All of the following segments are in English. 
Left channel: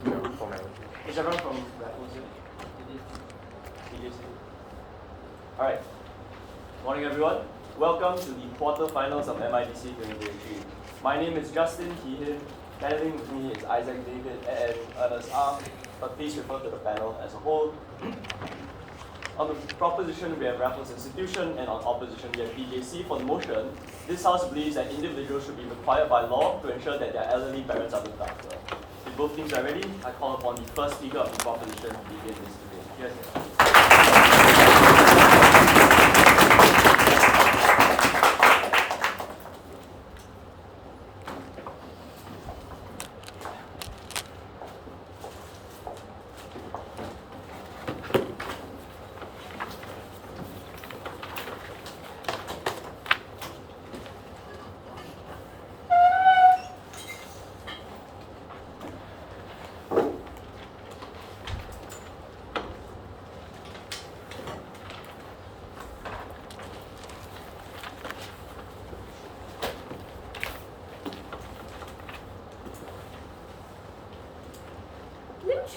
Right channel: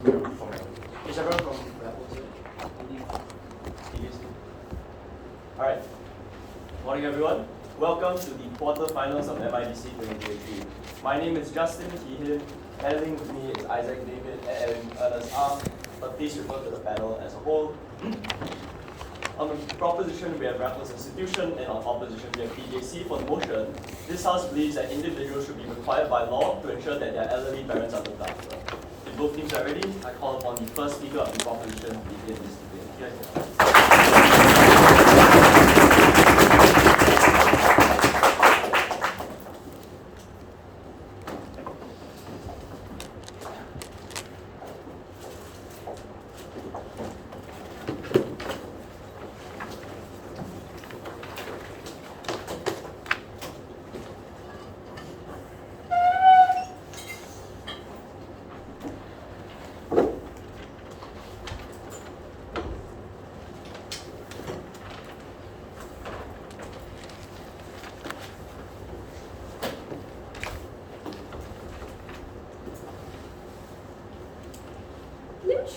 Is everyone from Raffles? TJC? Alright. Morning everyone. Welcome to the quarterfinals of MIDC 2023. My name is Justin Keehan. Handling with me is Isaac David and Ernest Arm. But please refer to the panel as a whole. On the proposition, we have Raffles Institution, and on opposition, we have TJC. For the motion, this House believes that individuals should be required by law to ensure that their elderly parents are looked after. If both teams are ready, I call upon the first speaker of the proposition to begin this debate. Yes.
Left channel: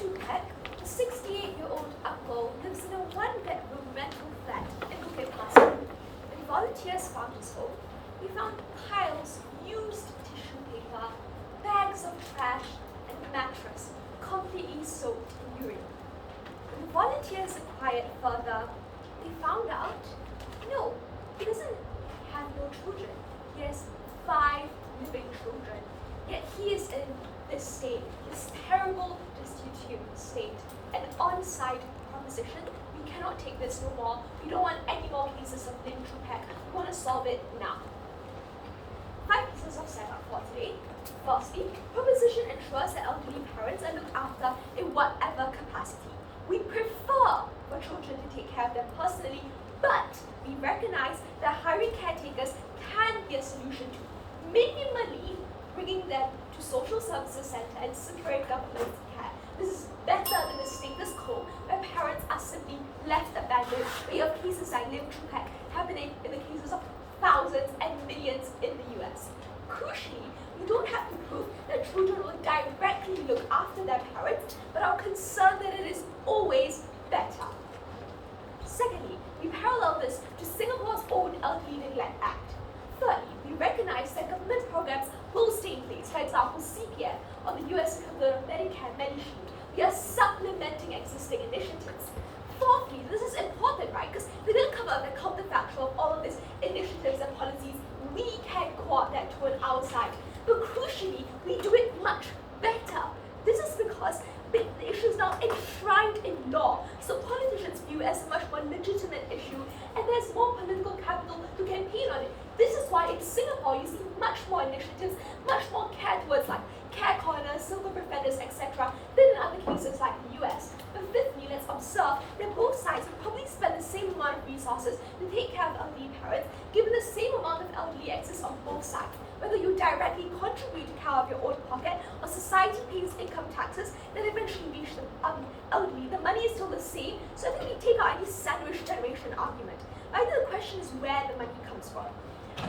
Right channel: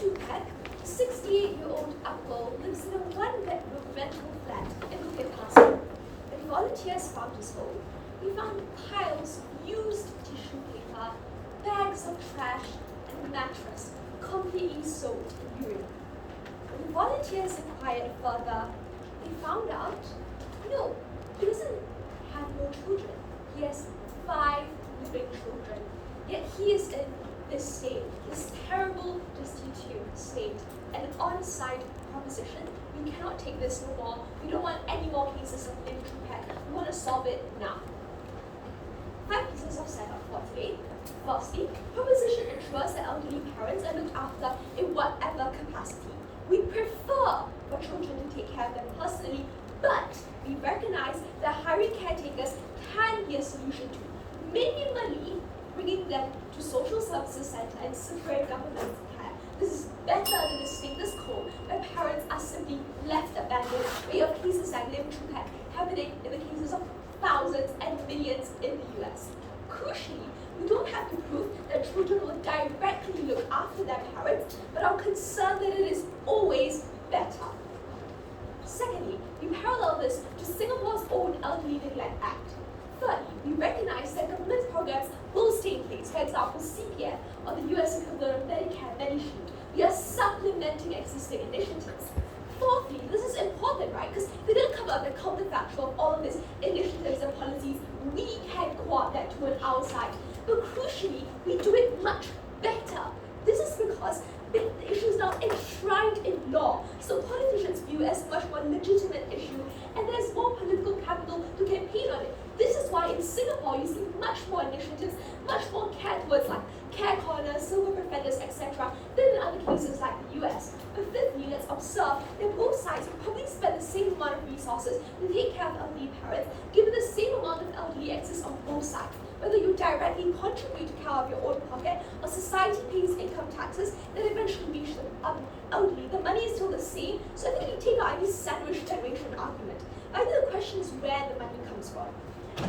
A 68-year-old uncle lives in a one-bedroom rental flat in Temasek. When volunteers found his home, they found piles of used tissue paper, bags of trash, and a mattress completely soaked in urine. When volunteers inquired further, they found out, no, he doesn't have no children. He has 5 living children, yet he is in this state, this terrible, destitute state, an on-site proposition. We cannot take this no more. We don't want any more cases of limb pack. We want to solve it now. 5 pieces of setup for today. Firstly, proposition ensures that elderly parents are looked after in whatever capacity. We prefer for children to take care of them personally, but we recognize that hiring caretakers can be a solution to minimally bringing them to social services center and separate government care. This is better than the status quo where parents are simply left abandoned, where you have cases like limb pack happening in the cases of thousands and millions in the US. Crucially, we don't have to prove that children will directly look after their parents, but are concerned that it is always better. Secondly, we parallel this to Singapore's own Elderly Neglect Act. Third, we recognize that government programs will stay in place, for example, CPF or the US equivalent of Medicare, Medishield. We are supplementing existing initiatives. Fourthly, this is important, right? Because they didn't come out the counterfactual of all of these initiatives and policies. We can coordinate to our side, but crucially, we do it much better. This is because the issue is now enshrined in law, so politicians view it as a much more legitimate issue, and there's more political capital to campaign on it. This is why in Singapore you see much more initiatives, much more care towards like care corners, silver defenders, etc., than in other cases like the US. But fifthly, let's observe that both sides will probably spend the same amount of resources to take care of elderly parents, given the same amount of elderly access on both sides. Whether you directly contribute to care of your own pocket or society pays income taxes that eventually reach the elderly, the money is still the same. So I think we take out any sandwich generation argument. I think the question is where the money comes from.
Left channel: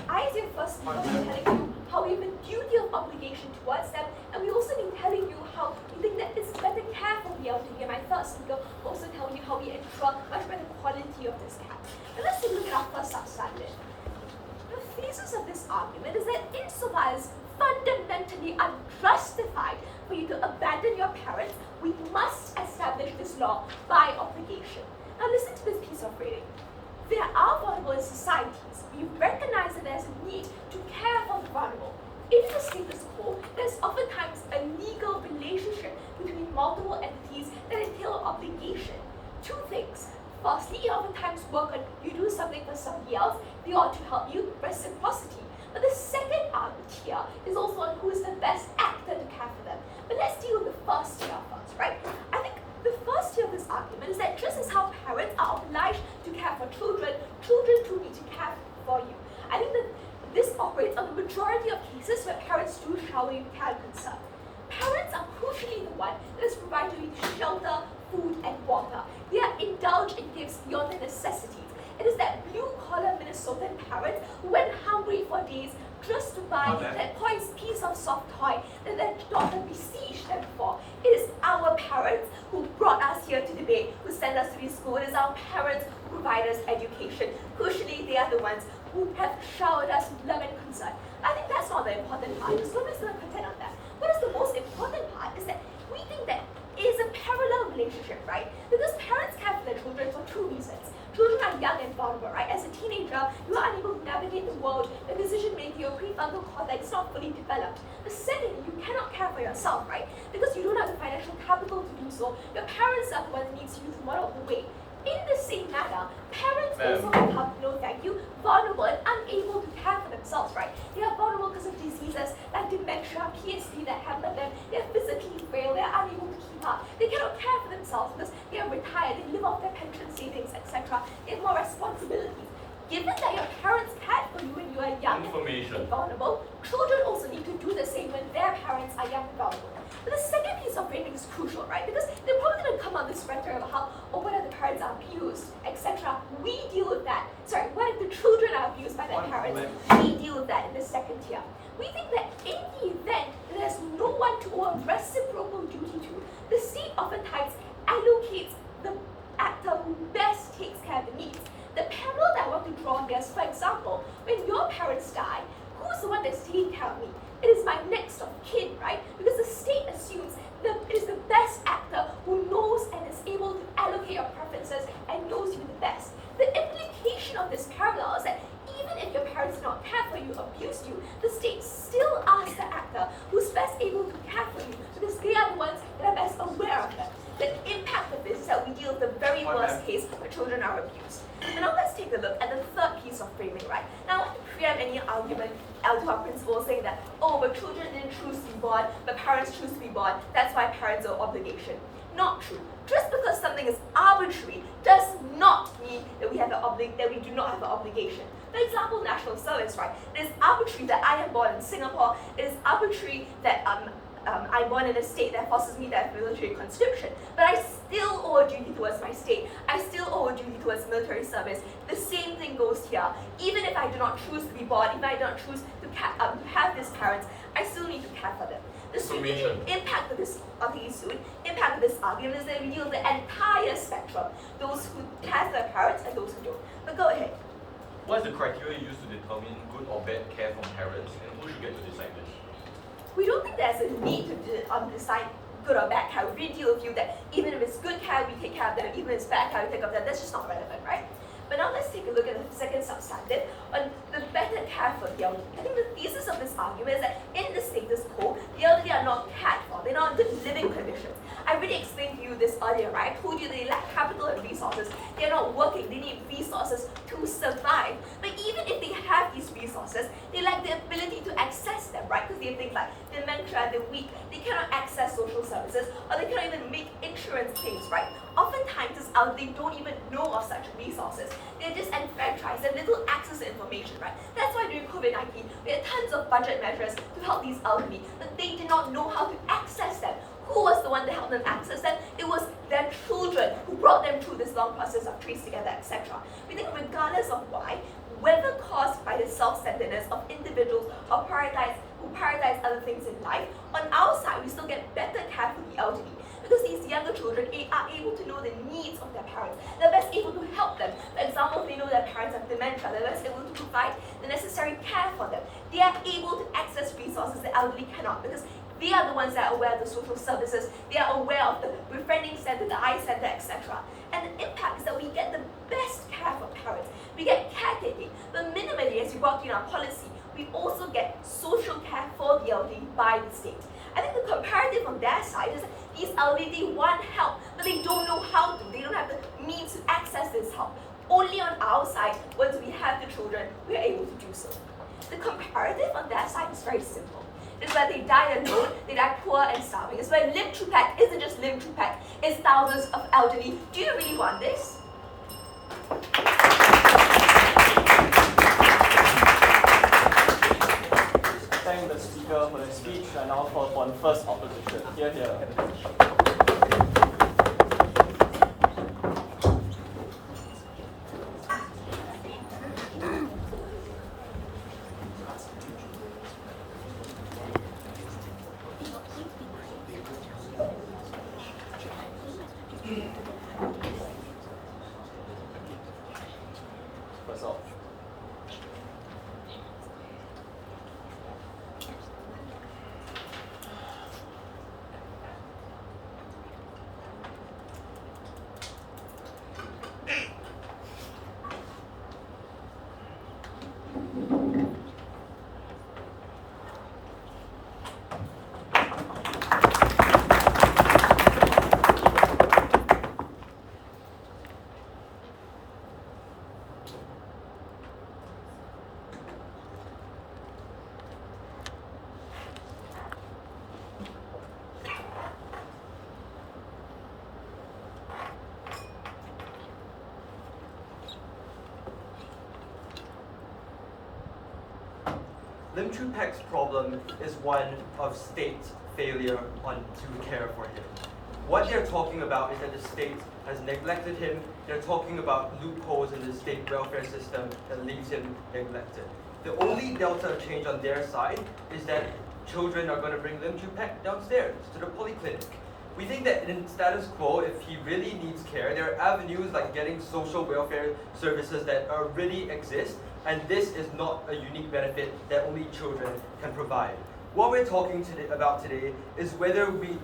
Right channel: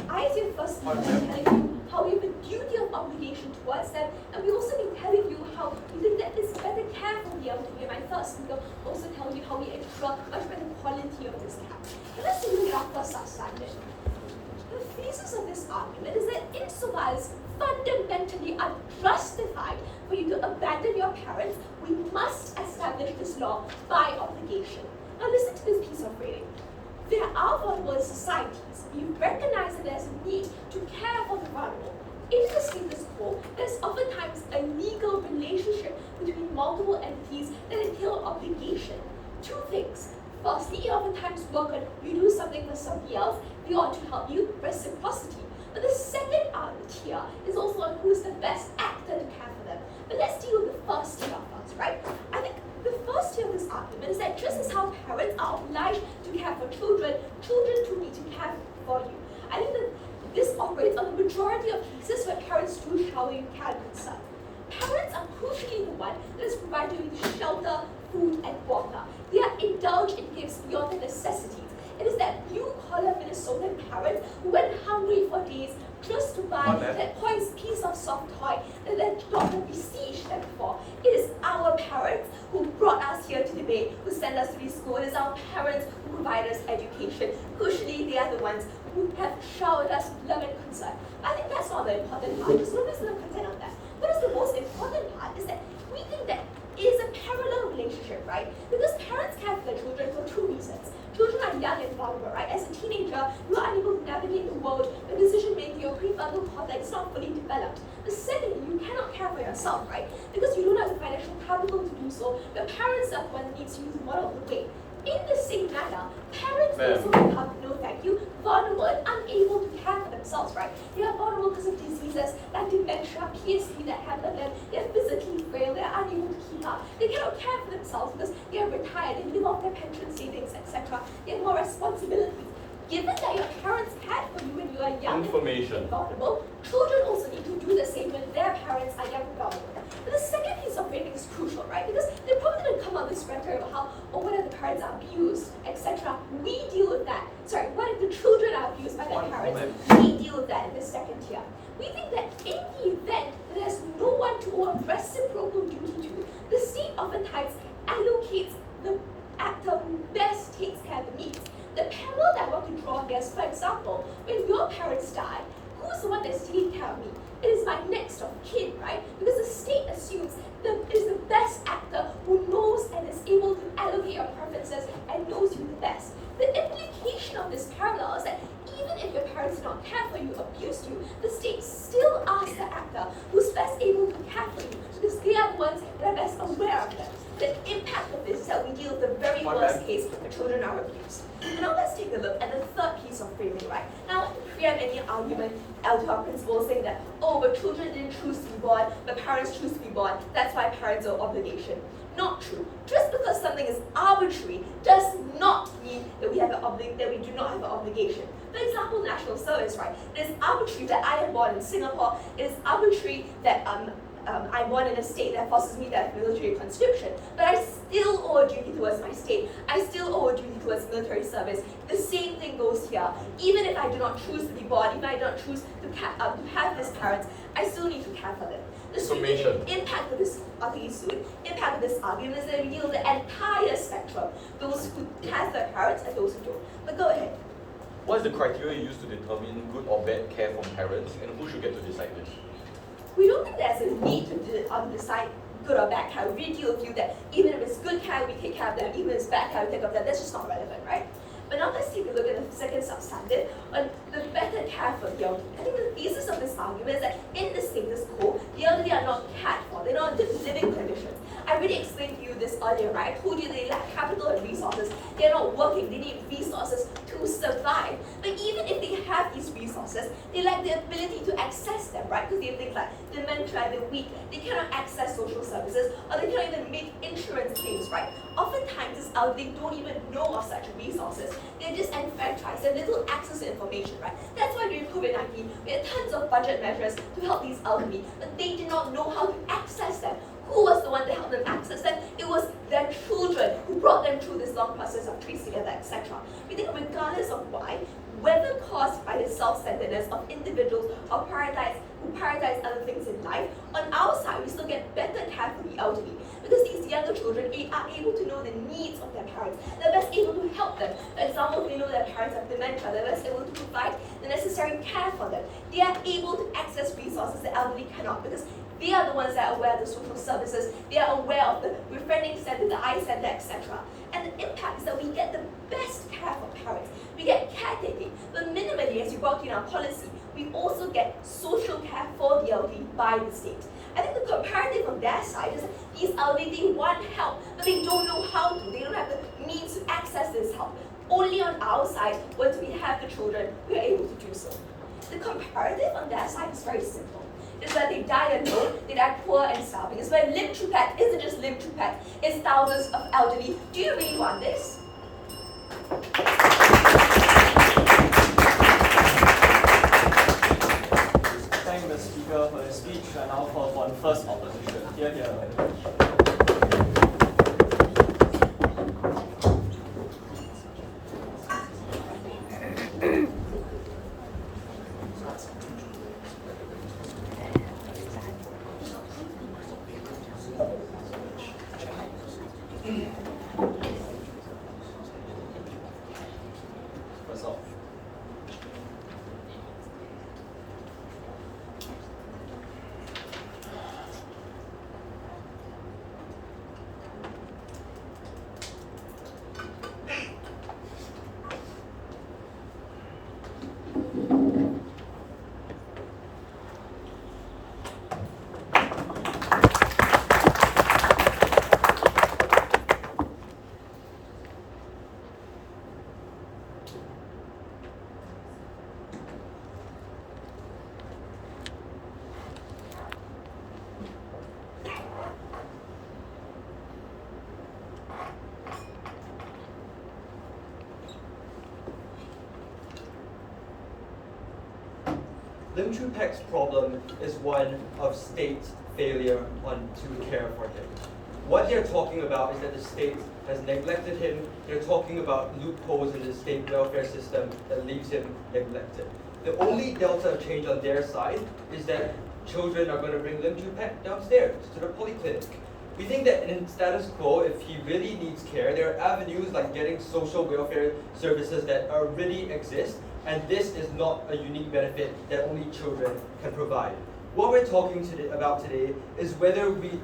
I as your first speaker been telling you how we have a duty of obligation towards them, and we also been telling you how we think that it's better care for the elderly. And my third speaker will also tell you how we ensure much better quality of this care. And let's take a look at our first substandard. The thesis of this argument is that insofar as fundamentally unjustified for you to abandon your parents, we must establish this law by obligation. Now listen to this piece of reading. There are vulnerable in societies. You recognize that there's a need to care for the vulnerable. In the status quo, there's oftentimes a legal relationship between multiple entities that entail obligation. 2 things. Firstly, you oftentimes work on you do something for somebody else, they ought to help you, reciprocity. But the second argument here is also on who is the best actor to care for them. But let's deal with the first tier first, right? I think the first tier of this argument is that just as how parents are obliged to care for children, children too need to care for you. I think that this operates on the majority of cases where parents do shower you care and concern. Parents are crucially the one that is providing you with shelter, food, and water. They are indulged in gifts beyond their necessities. It is that blue-collar Minnesotan parent who went hungry for days just to buy that piece of soft toy that their daughter besieged them for. It is have showered us with love and concern. I think that's not the important part, because nobody's going to contend on that. What is the most important part is that we think that it is a parallel relationship, right? Because parents care for their children for two reasons. Children are young and vulnerable, right? As a teenager, you are unable to navigate the world, the decision-making, your prefrontal cortex is not fully developed. The second, you cannot care for yourself, right? Because you don't have the financial capital to do so. Your parents are the one who needs you to model the way. In the same manner, parents also become, vulnerable and unable to care for themselves, right? They are vulnerable because of diseases like dementia, PSP that hamper them. They are physically frail, they are unable to keep up. They cannot care for themselves because they are retired, they live off their pension savings, etc. They have more responsibilities. Given that your parents cared for you when you are young and vulnerable, children also need to do the same when their parents are young and vulnerable. But the second piece of framing is crucial, right? Because they're probably going to come up with this rhetoric about how, what if the parents are abused, etc. We deal with that. Sorry, what if the children are abused by their parents? We deal with that in the second tier. We think that in the event that there's no one to owe a reciprocal duty to, the state oftentimes allocates the actor who best takes care of the needs. The parallel that I want to draw on this, for example, when your parents die, who's the one that's taking care of me? It is my next of kin, right? Because the state assumes that it is the best actor who knows and is able to allocate your preferences and knows you the best. The implication of this parallel is that even if your parents did not care for you, abused you, the state still asks the actor who's best able to care for you because they are the ones that are best aware of them. The impact of this is that we deal with the very worst case where children are abused. And now let's take a look at the third piece of framing, right? Now, we have any argument to our principles saying that, but children didn't choose to be born, but parents choose to be born, that's why parents are obligation. Not true. Just because something is arbitrary does not mean that we do not have an obligation. For example, national service, right? It is arbitrary that I am born in Singapore. It is arbitrary that I'm born in a state that forces me to have military conscription, but I still owe a duty towards my state. I still owe a duty towards military service. The same thing goes here. Even if I do not choose to be born, even if I do not choose to have these parents, I still need to care for them. The impact of this argument is that we deal with the entire spectrum, those who care for their parents and those who don't. But go ahead. What is the criteria used to determine good or bad care from parents, and who should get to decide this? We don't think there's a need to decide good or bad care. We really deal with you that even if it's good care, we take care of them. Even if it's bad care, we take care of them. That's just not relevant, right? But now let's take a look at the second substantive on the better care for the elderly. I think the thesis of this argument is that in the status quo, the elderly are not cared for. They're not in good living conditions. I already explained to you this earlier, right? I told you they lack capital and resources. They're not working. They need resources to survive. But even if they have these resources, they lack the ability to access them, right? Because they have things like dementia, they're weak, they cannot access social services, or they cannot even make insurance claims, right? Oftentimes, this elderly don't even know of such resources. They're disenfranchised, they have little access to information, right? That's why during COVID-19, we had tons of budget measures to help these elderly, but they did not know how to access them. Who was the one that helped them access them? It was their children who brought them through this long process of trace together, etc. We think regardless of why, whether caused by the self-centeredness of individuals who prioritize other things in life, on our side, we still get better care for the elderly because these younger children are able to know the needs of their parents. They're best able to help them. For example, if they know their parents have dementia, they're best able to provide the necessary care for them. They are able to access resources the elderly cannot because they are the ones that are aware of the social services. They are aware of the befriending center, the eye center, etc. And the impact is that we get the best care for parents. We get caretaking, but minimally, as you brought in our policy, we also get social care for the elderly by the state. I think the comparative on their side is that these elderly, they want help, but they don't know how to. They don't have the means to access this help. Only on our side, once we have the children, we are able to do so. The comparative on their side is very simple. It's where they die alone, they die poor and starving. It's where Lim Chu Pak isn't just Lim Chu Pak, it's thousands of elderly. Do you really want this? Thank the speaker for the speech and all for one first opposition. Here. Lim Chu Pek's problem is one of state failure to care for him. What they're talking about is that the state has neglected him. They're talking about loopholes in the state welfare system that leaves him neglected. The only delta of change on their side is that children are going to bring Lim Chu Pek downstairs to the polyclinic. We think that in status quo, if he really needs care, there are avenues like getting social welfare services that already exist, and this is not a unique benefit that only children can provide. What we're talking about today is whether we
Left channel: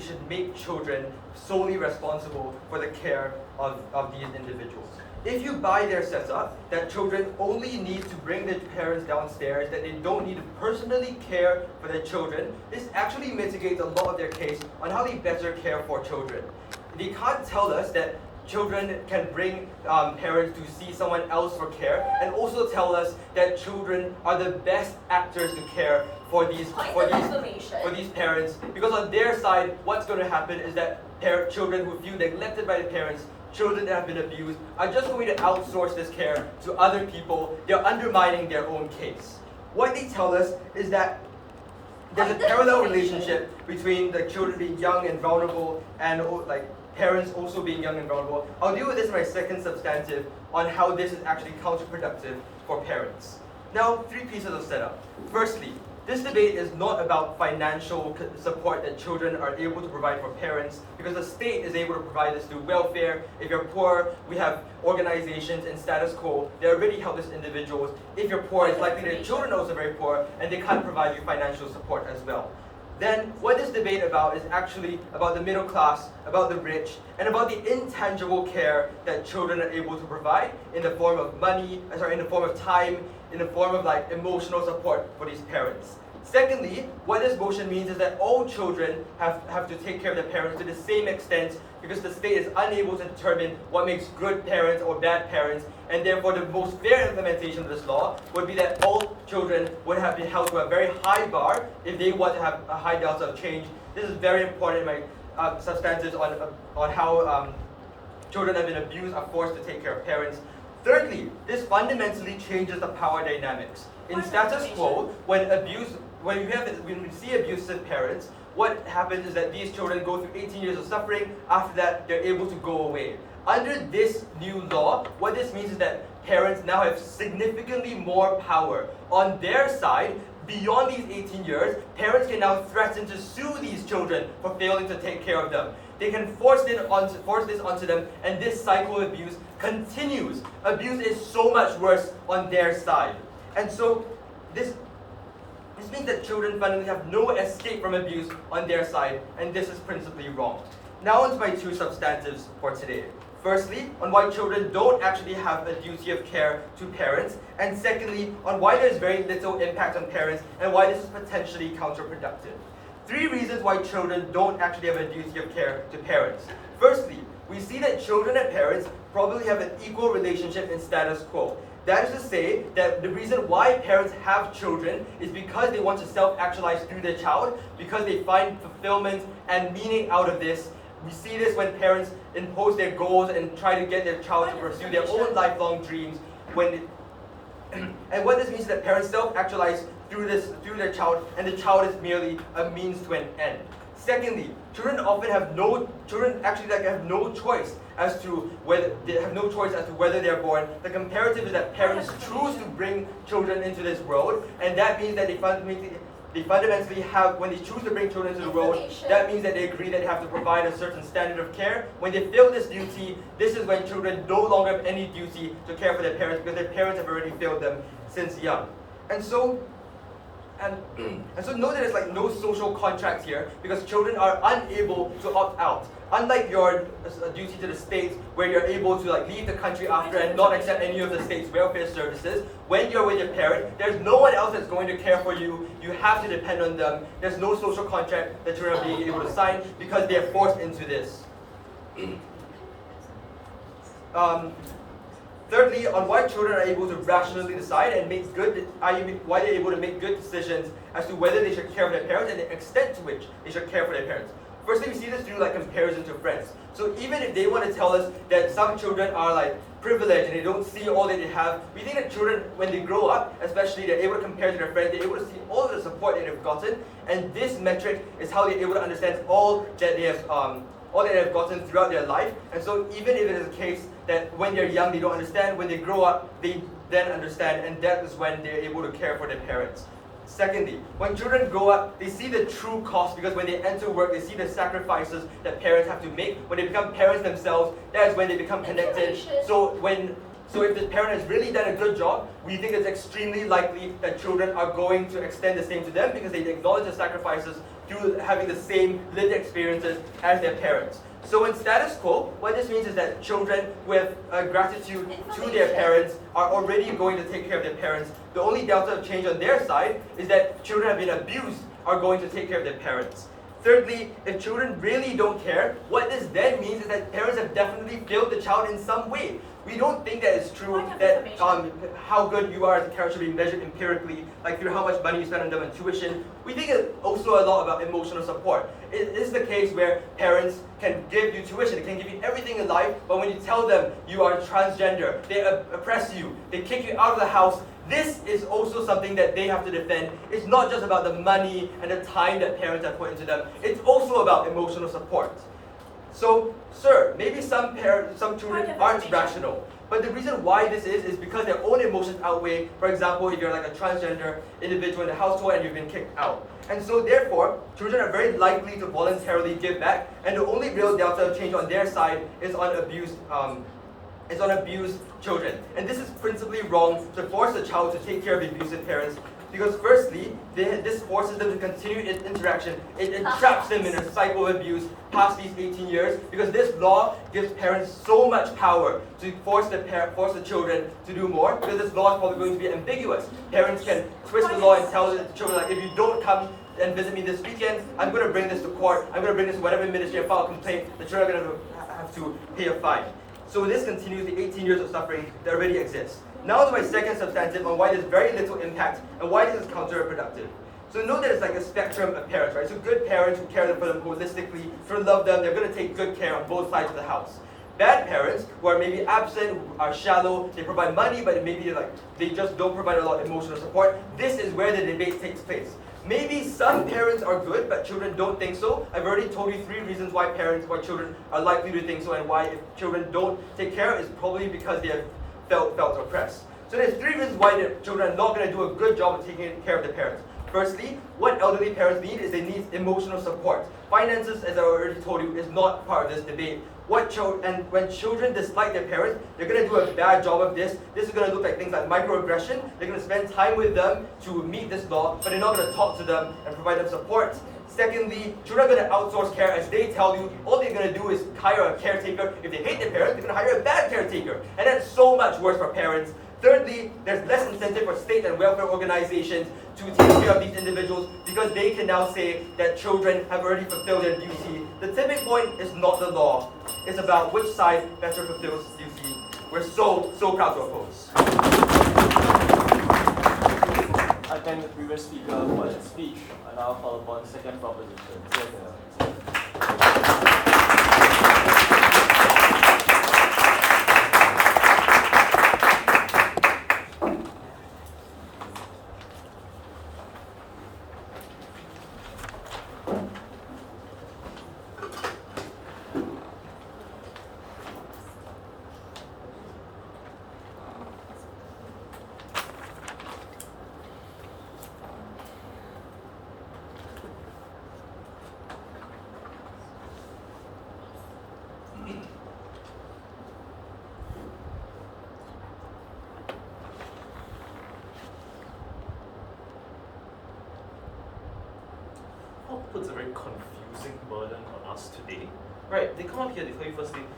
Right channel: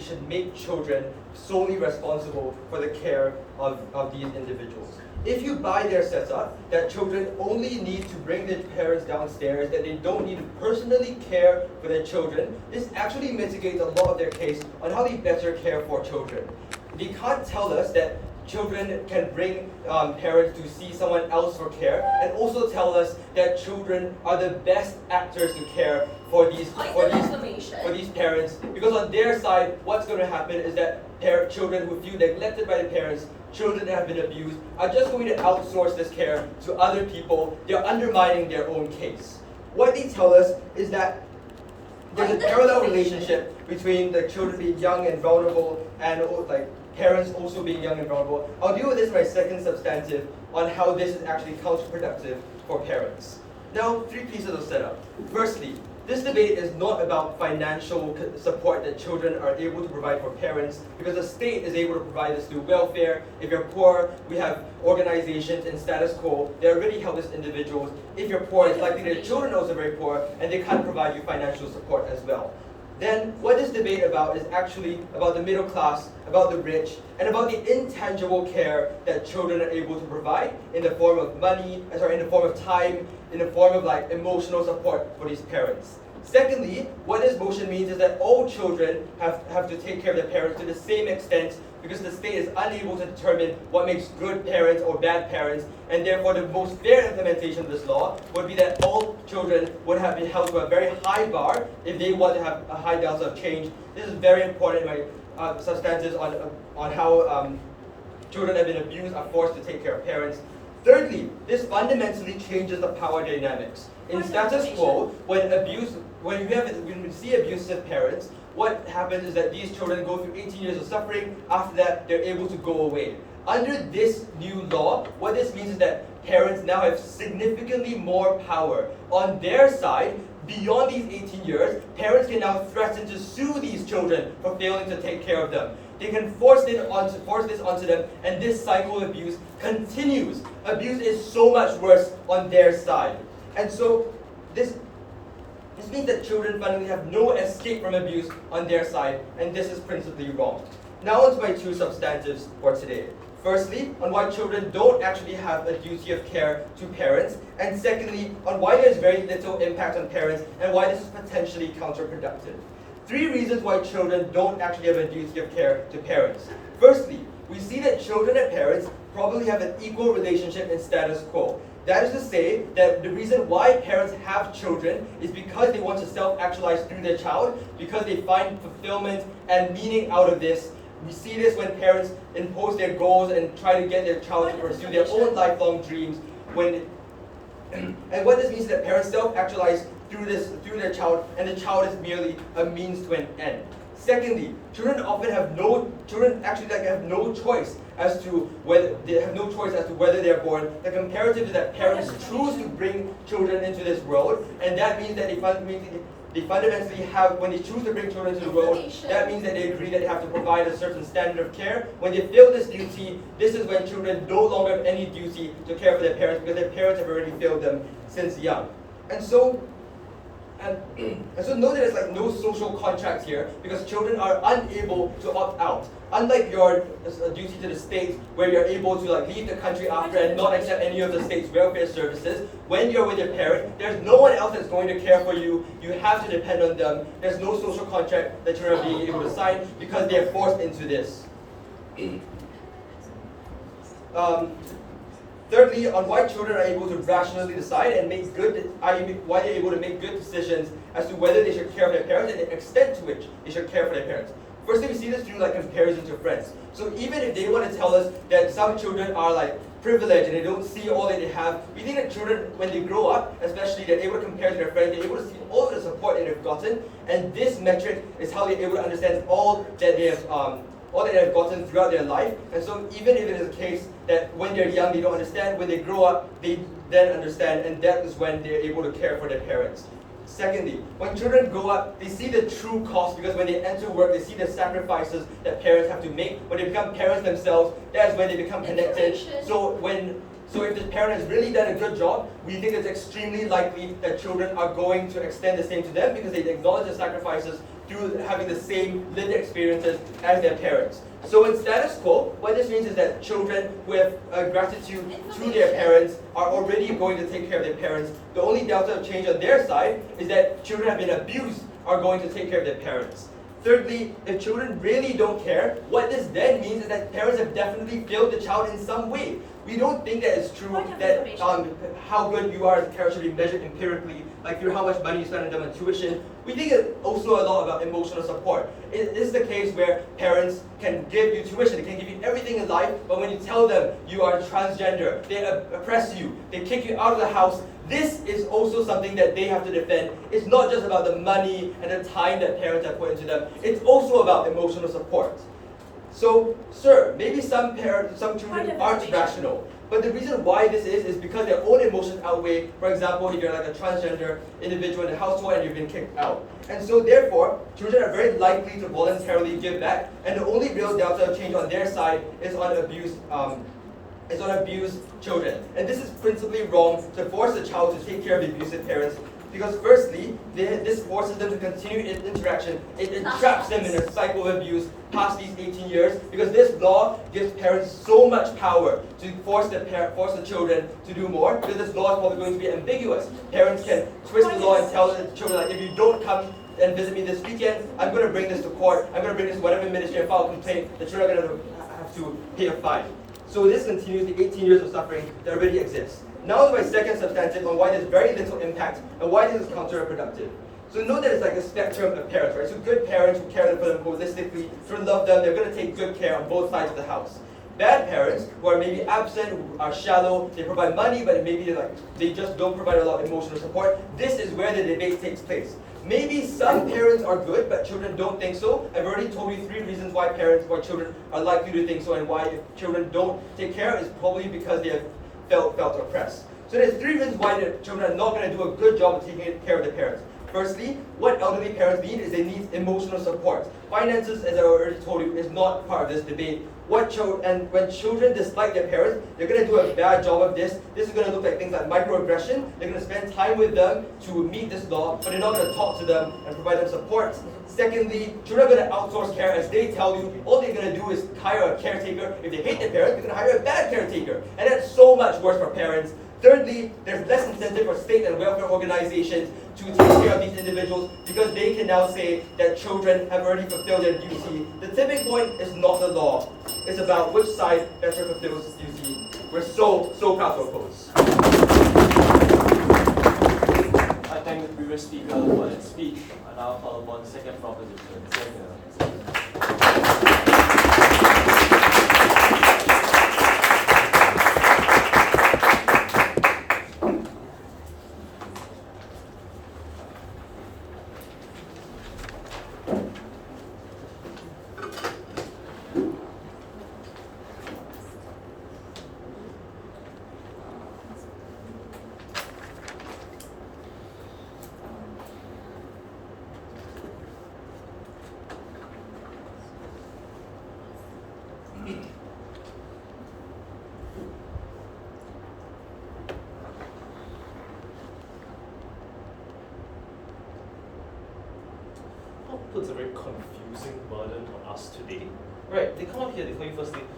should make children solely responsible for the care of these individuals. If you buy their setup, that children only need to bring their parents downstairs, that they don't need to personally care for their children, this actually mitigates a lot of their case on how they better care for children. They can't tell us that children can bring parents to see someone else for care, and also tell us that children are the best actors to care for these parents, because on their side, what's going to happen is that children who feel neglected by the parents, children that have been abused, are just going to outsource this care to other people. They're undermining their own case. What they tell us is that there's a parallel relationship between the children being young and vulnerable and parents also being young and vulnerable. I'll deal with this in my second substantive on how this is actually counterproductive for parents. Now, 3 pieces of setup. Firstly, this debate is not about financial support that children are able to provide for parents, because the state is able to provide this through welfare. If you're poor, we have organizations in status quo that already help these individuals. If you're poor, it's likely that your children are also very poor and they can't provide you financial support as well. Then what this debate about is actually about the middle class, about the rich, and about the intangible care that children are able to provide in the form of money, in the form of time, in the form of emotional support for these parents. Secondly, what this motion means is that all children have to take care of their parents to the same extent, because the state is unable to determine what makes good parents or bad parents, and therefore the most fair implementation of this law would be that all children would have been held to a very high bar if they want to have a high delta of change. This is very important in my substances on how children have been abused, are forced to take care of parents. Thirdly, this fundamentally changes the power dynamics. In status quo, when we see abusive parents, what happens is that these children go through 18 years of suffering. After that, they're able to go away. Under this new law, what this means is that parents now have significantly more power. On their side, beyond these 18 years, parents can now threaten to sue these children for failing to take care of them. They can force this onto them, and this cycle of abuse continues. Abuse is so much worse on their side. And so this means that children fundamentally have no escape from abuse on their side, and this is principally wrong. Now onto my 2 substantives for today. Firstly, on why children don't actually have a duty of care to parents, and secondly, on why there's very little impact on parents and why this is potentially counterproductive. 3 reasons why children don't actually have a duty of care to parents. Firstly, we see that children and parents probably have an equal relationship in status quo. That is to say that the reason why parents have children is because they want to self-actualize through their child, because they find fulfillment and meaning out of this. We see this when parents impose their goals and try to get their child to pursue their own lifelong dreams. And what this means is that parents self-actualize through their child, and the child is merely a means to an end. Secondly, children have no choice as to whether they're born. The comparative is that parents choose to bring children into this world, and that means that they fundamentally have, when they choose to bring children into the world, that means that they agree that they have to provide a certain standard of care. When they fail this duty, this is when children no longer have any duty to care for their parents, because their parents have already failed them since young. And so note that there's no social contracts here, because children are unable to opt out. Unlike your duty to the state, where you're able to leave the country after and not accept any of the state's welfare services, when you're with your parent, there's no one else that's going to care for you. You have to depend on them. There's no social contract that children are being able to sign because they are forced into this. Thirdly, on why children are able to rationally decide and why they're able to make good decisions as to whether they should care for their parents and the extent to which they should care for their parents. Firstly, we see this through comparison to friends. So even if they want to tell us that some children are privilege and they don't see all that they have. We think that children, when they grow up, especially, they're able to compare to their friends, they're able to see all of the support that they've gotten, and this metric is how they're able to understand all that they have gotten throughout their life. And so even if it is the case that when they're young they don't understand, when they grow up they then understand, and that is when they're able to care for their parents. Secondly, when children grow up, they see the true cost, because when they enter work, they see the sacrifices that parents have to make. When they become parents themselves, that is when they become connected. So if the parent has really done a good job, we think it's extremely likely that children are going to extend the same to them, because they acknowledge the sacrifices through having the same lived experiences as their parents. So in status quo, what this means is that children with gratitude to their parents are already going to take care of their parents. The only delta of change on their side is that children have been abused are going to take care of their parents. Thirdly, if children really don't care, what this then means is that parents have definitely failed the child in some way. We don't think that it's true that how good you are as a parent should be measured empirically, like through how much money you spend on them on tuition. We think it's also a lot about emotional support. It is the case where parents can give you tuition, they can give you everything in life, but when you tell them you are transgender, they oppress you, they kick you out of the house. This is also something that they have to defend. It's not just about the money and the time that parents have put into them. It's also about emotional support. So, sir, maybe some children aren't rational. But the reason why this is because their own emotions outweigh, for example, if you're like a transgender individual in the household and you've been kicked out. And so therefore, children are very likely to voluntarily give back, and the only real delta of change on their side is on abused children. And this is principally wrong to force a child to take care of abusive parents, because firstly, this forces them to continue interaction. It entraps them in a cycle of abuse past these 18 years, because this law gives parents so much power to force the children to do more, because this law is probably going to be ambiguous. Parents can twist the law and tell the children, like, if you don't come and visit me this weekend, I'm going to bring this to court, I'm going to bring this to whatever ministry and file a complaint, the children are going to have to pay a fine. So this continues the 18 years of suffering that already exists. Now to my second substantive on why there's very little impact and why this is counterproductive. So note that it's like a spectrum of parents, right? So good parents who care for them holistically, who love them, they're going to take good care on both sides of the house. Bad parents who are maybe absent, who are shallow, they provide money, but maybe they just don't provide a lot of emotional support. This is where the debate takes place. Maybe some parents are good, but children don't think so. I've already told you 3 reasons why children are likely to think so, and why if children don't take care, it's probably because they have felt oppressed. So there's 3 reasons why the children are not going to do a good job of taking care of their parents. Firstly, what elderly parents need is they need emotional support. Finances, as I already told you, is not part of this debate. When children dislike their parents, they're going to do a bad job of this. This is going to look like things like microaggression. They're going to spend time with them to meet this law, but they're not going to talk to them and provide them support. Secondly, children are going to outsource care, as they tell you. All they're going to do is hire a caretaker. If they hate their parents, they're going to hire a bad caretaker. And that's so much worse for parents. Thirdly, there's less incentive for state and welfare organizations to take care of these individuals, because they can now say that children have already fulfilled their duty. The tipping point is not the law. It's about which side better fulfills duty. We're so proud to oppose. I thank the previous speaker for that speech, and I'll call upon the second proposition. Puts a very confusing burden on us today. Right, they come up here, they tell you first thing,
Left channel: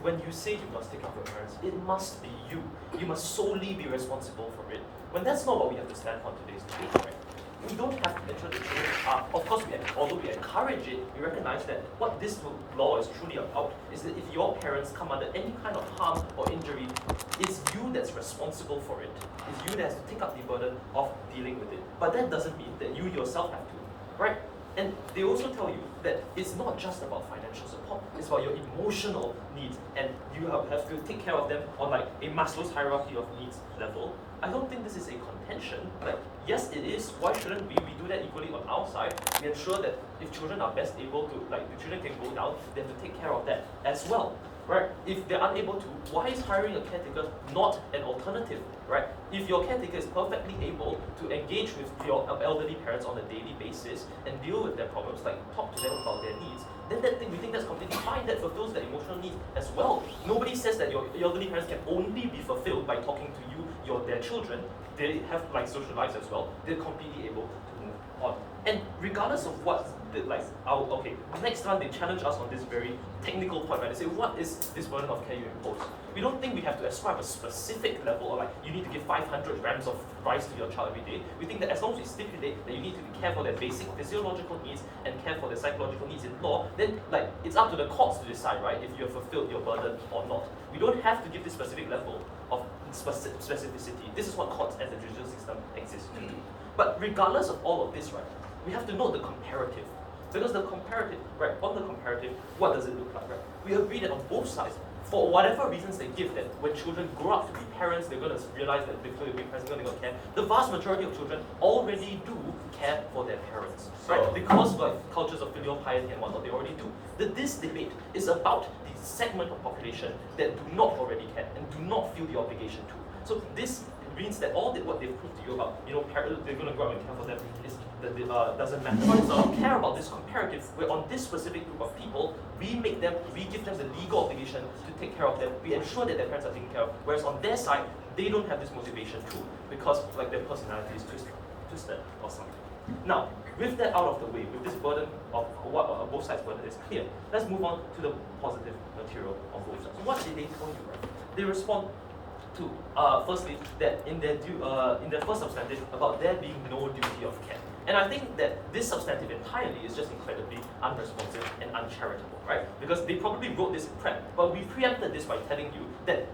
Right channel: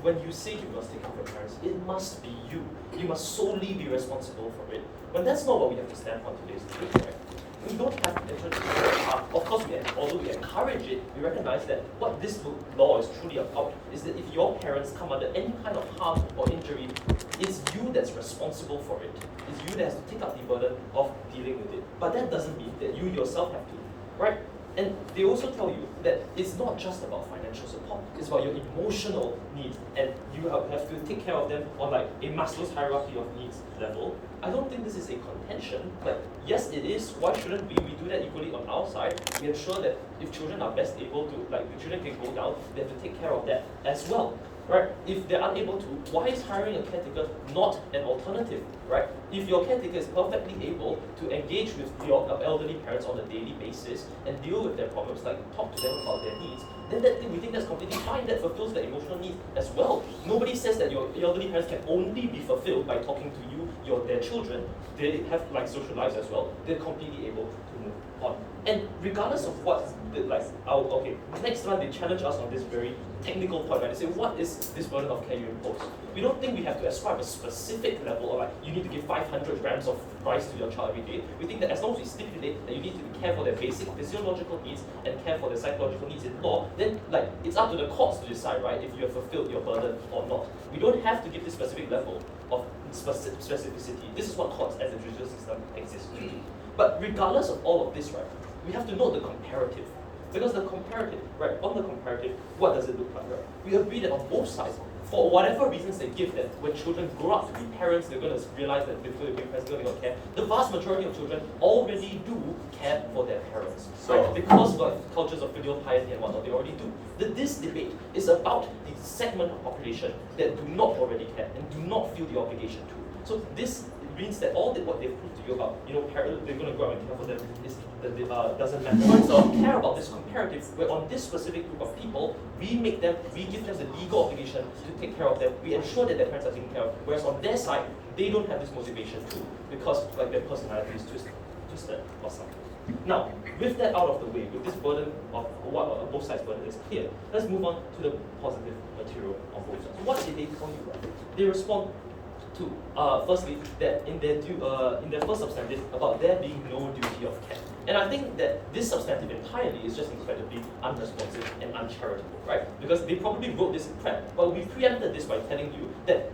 when you say you must take care of your parents, it must be you. You must solely be responsible for it. When that's not what we have to stand for in today's debate, right? We don't have literal of course, although we encourage it, we recognize that what this law is truly about is that if your parents come under any kind of harm or injury, it's you that's responsible for it. It's you that has to take up the burden of dealing with it. But that doesn't mean that you yourself have to, right? And they also tell you that it's not just about financial support, it's about your emotional needs, and you have to take care of them on like a Maslow's hierarchy of needs level. I don't think this is a contention. Like, yes, it is. Why shouldn't we do that equally on our side? We ensure that if children are best able to, like, the children can go down, they have to take care of that as well. Right? If they're unable to, why is hiring a caretaker not an alternative? Right? If your caretaker is perfectly able to engage with your elderly parents on a daily basis and deal with their problems, like talk to them about their needs, then we think that's completely fine. That fulfills their emotional needs as well. Nobody says that your elderly parents can only be fulfilled by talking to you, their children. They have like social lives as well. They're completely able to move on. And regardless of what, next time they challenge us on this very technical point, right? They say, what is this burden of care you impose? We don't think we have to ascribe a specific level of like, you need to give 500 grams of rice to your child every day. We think that as long as we stipulate that you need to care for their basic physiological needs and care for their psychological needs in law, then like it's up to the courts to decide, right, if you have fulfilled your burden or not. We don't have to give this specific level of specificity. This is what courts as a judicial system exist to do. But regardless of all of this, right, we have to note the comparative. Because the comparative, right, on the comparative, what does it look like, right? We agree that on both sides, for whatever reasons they give that when children grow up to be parents, they're going to realize that they're going to be parents, they're going to care. The vast majority of children already do care for their parents, right? Because like cultures of filial piety and whatnot, they already do. This debate is about the segment of population that do not already care and do not feel the obligation to. So this means that all what they've proved to you about, parents, they're going to grow up and care for them, is doesn't matter. So care about this comparative, where on this specific group of people, we give them the legal obligation to take care of them. We ensure that their parents are taken care of. Whereas on their side, they don't have this motivation too, because like their personality is twisted or something. Now, with that out of the way, with this burden of what both sides' burden is clear, let's move on to the positive material of both sides. So what did they tell you, right? They respond to firstly that in their first substantive about there being no duty of care. And I think that this substantive entirely is just incredibly unresponsive and uncharitable, right? Because they probably wrote this in prep, but we preempted this by telling you that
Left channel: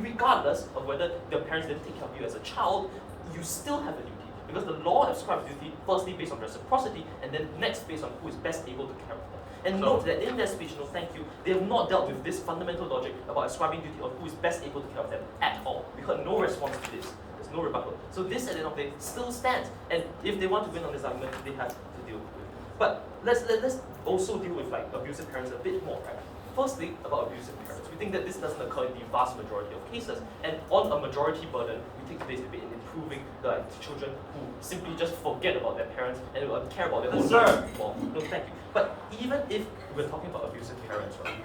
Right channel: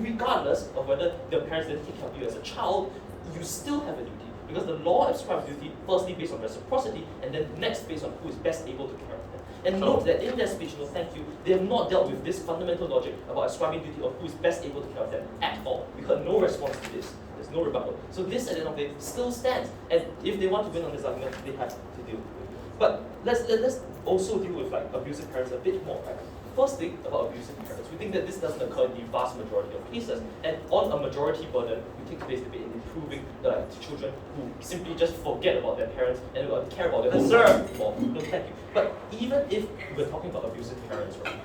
regardless of whether the parents didn't take care of you as a child, you still have a duty. Because the law ascribes duty firstly based on reciprocity, and then next based on who is best able to care of them. And note that in their speech, thank you, they have not dealt with this fundamental logic about ascribing duty on who is best able to care of them at all. We heard no response to this. There's no rebuttal. So this, at the end of the day, still stands. And if they want to win on this argument, they have to deal with it. But let's also deal with like abusive parents a bit more, right? Firstly, about abusive parents, we think that this doesn't occur in the vast majority of cases. And on a majority burden, we take place in improving the children who simply just forget about their parents and care about their own lives more. No, thank you. But even if we're talking about abusive parents, right?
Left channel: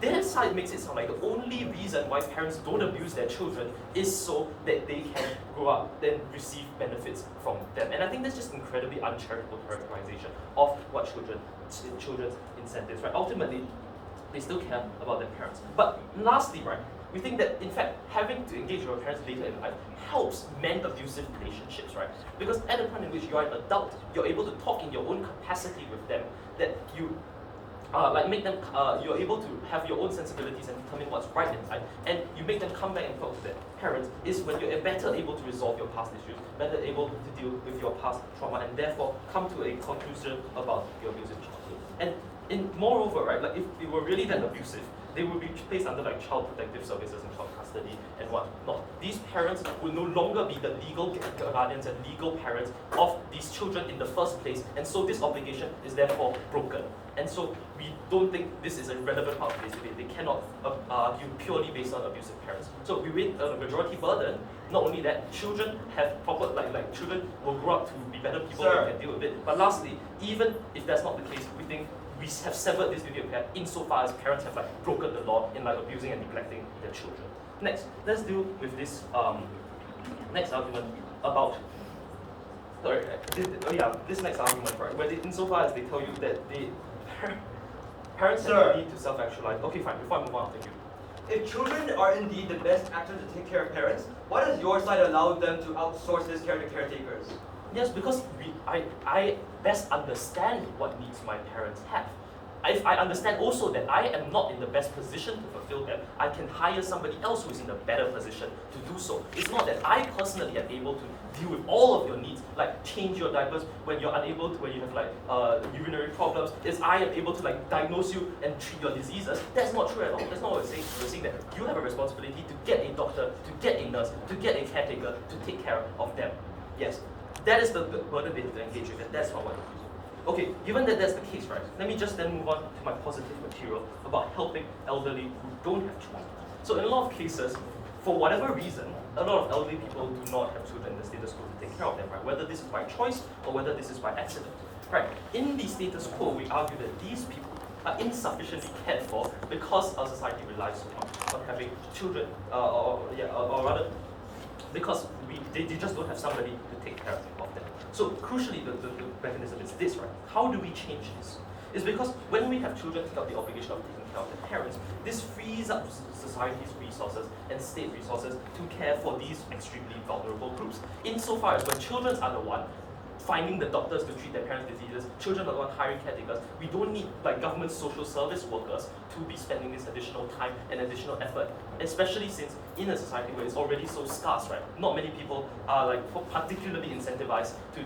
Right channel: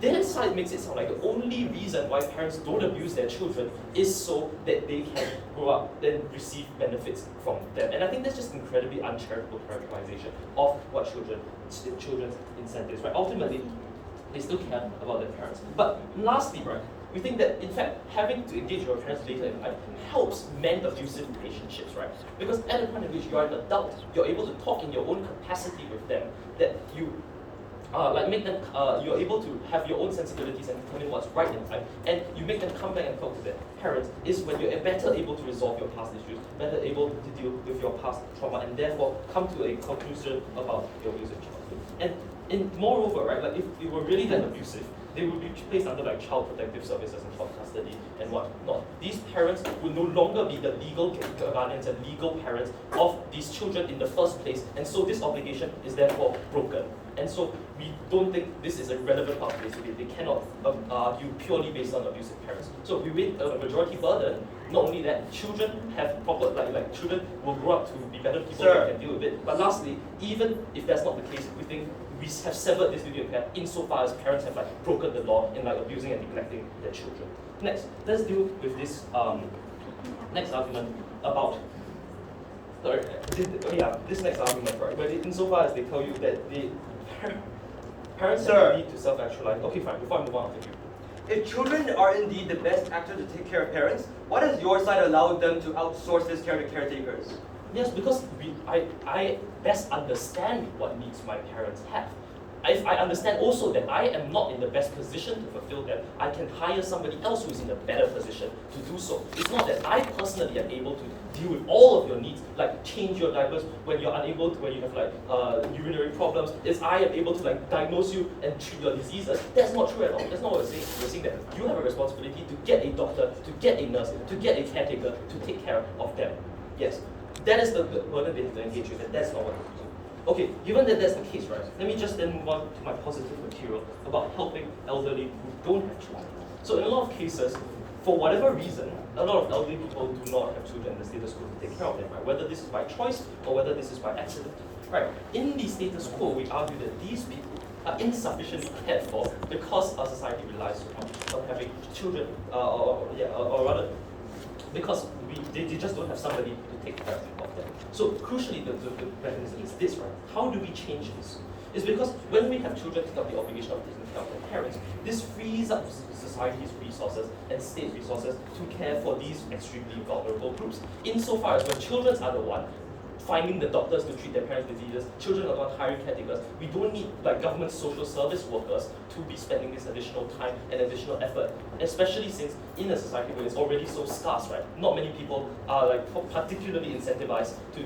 Their side makes it sound like the only reason why parents don't abuse their children is so that they can grow up and receive benefits from them. And I think that's just incredibly uncharitable characterization of what children's incentives, right? Ultimately, they still care about their parents. But lastly, right, we think that in fact having to engage with your parents later in life helps mend abusive relationships, right? Because at the point in which you are an adult, you're able to talk in your own capacity with them, that you make them, you're able to have your own sensibilities and determine what's right in life, and you make them come back and talk to their parents, is when you're better able to resolve your past issues, better able to deal with your past trauma, and therefore come to a conclusion about your abusive childhood. And moreover, right, like if they were really that abusive, they would be placed under like child protective services and child custody and whatnot. These parents would no longer be the legal guardians and legal parents of these children in the first place, and so this obligation is therefore broken. And so we don't think this is a relevant part of this debate. They cannot argue purely based on abusive parents. So we wait on a majority burden. Not only that, children have proper, like children will grow up to be better people who can deal with it. But lastly, even if that's not the case, we think we have severed this duty of care insofar as parents have like broken the law in like abusing and neglecting their children. Next, let's deal with this next argument about this next argument, right? Where insofar as they tell you that the parents have the need to self-actualize. Okay, fine. Before I move on with you. If children are indeed the best actors to take care of parents, why does your side allow them to outsource this care to caretakers? Yes, because I best understand what needs my parents have. if I understand also that I am not in the best position to fulfill them, I can hire somebody else who is in a better position to do so. It's not that I personally am able to deal with all of your needs, like change your diapers when you're unable to, when you have like urinary problems. It's I am able to like diagnose you and treat your diseases. That's not true at all. That's not what we're saying. We're saying that you have a responsibility to get a doctor, to get a nurse, to get a caretaker, to take care of them. Yes, that is the burden they have to engage with, and that's not what we're using. Okay, given that that's the case, right, let me just then move on to my positive material about helping elderly who don't have children. So in a lot of cases, for whatever reason, a lot of elderly people do not have children in the status quo to take care of them, right? Whether this is by choice or whether this is by accident, right? In the status quo, we argue that these people are insufficiently cared for because our society relies so much on having children, or rather, because they just don't have somebody to take care of them. So crucially, the mechanism is this, right? How do we change this? It's because when we have children take up the obligation of taking care of their parents, this frees up society's resources and state resources to care for these extremely vulnerable groups. Insofar as when children are the one finding the doctors to treat their parents' diseases, children are the one hiring caretakers, we don't need like government social service workers to be spending this additional time and additional effort, especially since in a society where it's already so scarce, right? Not many people are like particularly incentivized to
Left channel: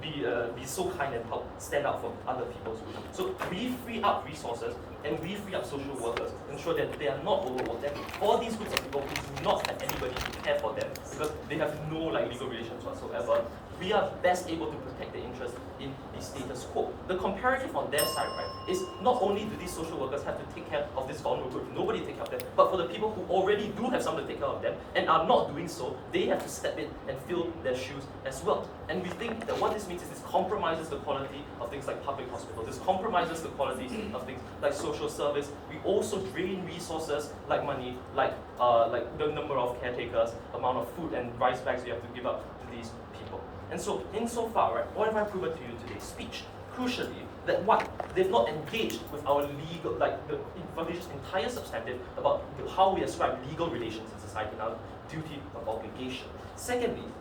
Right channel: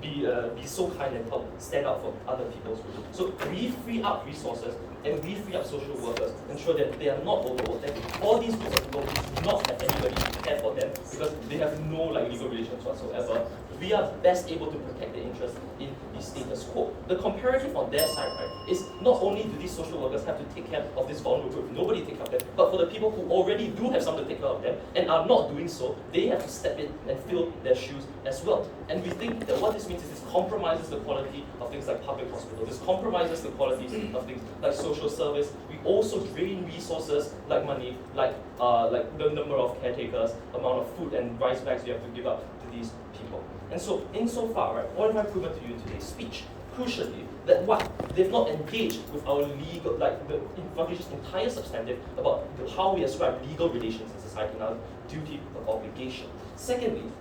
be so kind and help stand out for other people's groups. So we free up resources and we free up social workers, ensure that they are not overworked. And all these groups of people do not have anybody to care for them because they have no like legal relations whatsoever. We are best able to protect their interests in the status quo. The comparative on their side, right, is not only do these social workers have to take care of this vulnerable group, nobody take care of them, but for the people who already do have someone to take care of them and are not doing so, they have to step in and fill their shoes as well. And we think that what this means is this compromises the quality of things like public hospitals. This compromises the quality of things like social service. We also drain resources like money, like the number of caretakers, amount of food and rice bags you have to give up to these people. And so, insofar, right, what have I proven to you in today's speech? Crucially, that what they've not engaged with our legal, like the foundation's entire substantive about how we ascribe legal relations in society and our duty of obligation. Secondly,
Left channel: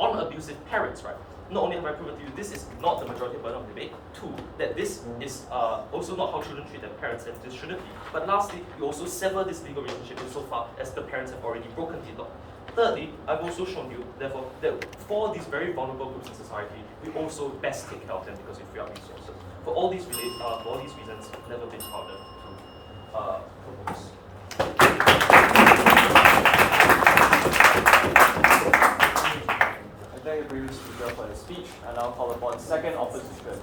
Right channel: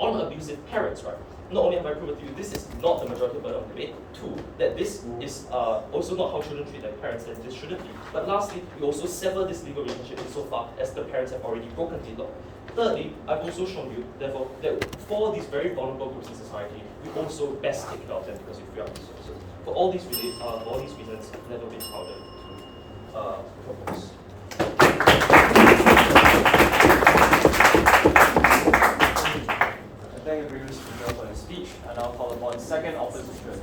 on abusive parents, right? Not only have I proven to you this is not the majority burden of debate, two, that this is also not how children treat their parents, and this shouldn't be. But lastly, we also sever this legal relationship insofar as the parents have already broken the law. Thirdly, I've also shown you, therefore, that for these very vulnerable groups in society, we also best take care of them because we free up resources. For all these reasons, never been harder to propose. I thank the previous speaker for his speech. I now call upon second office speaker.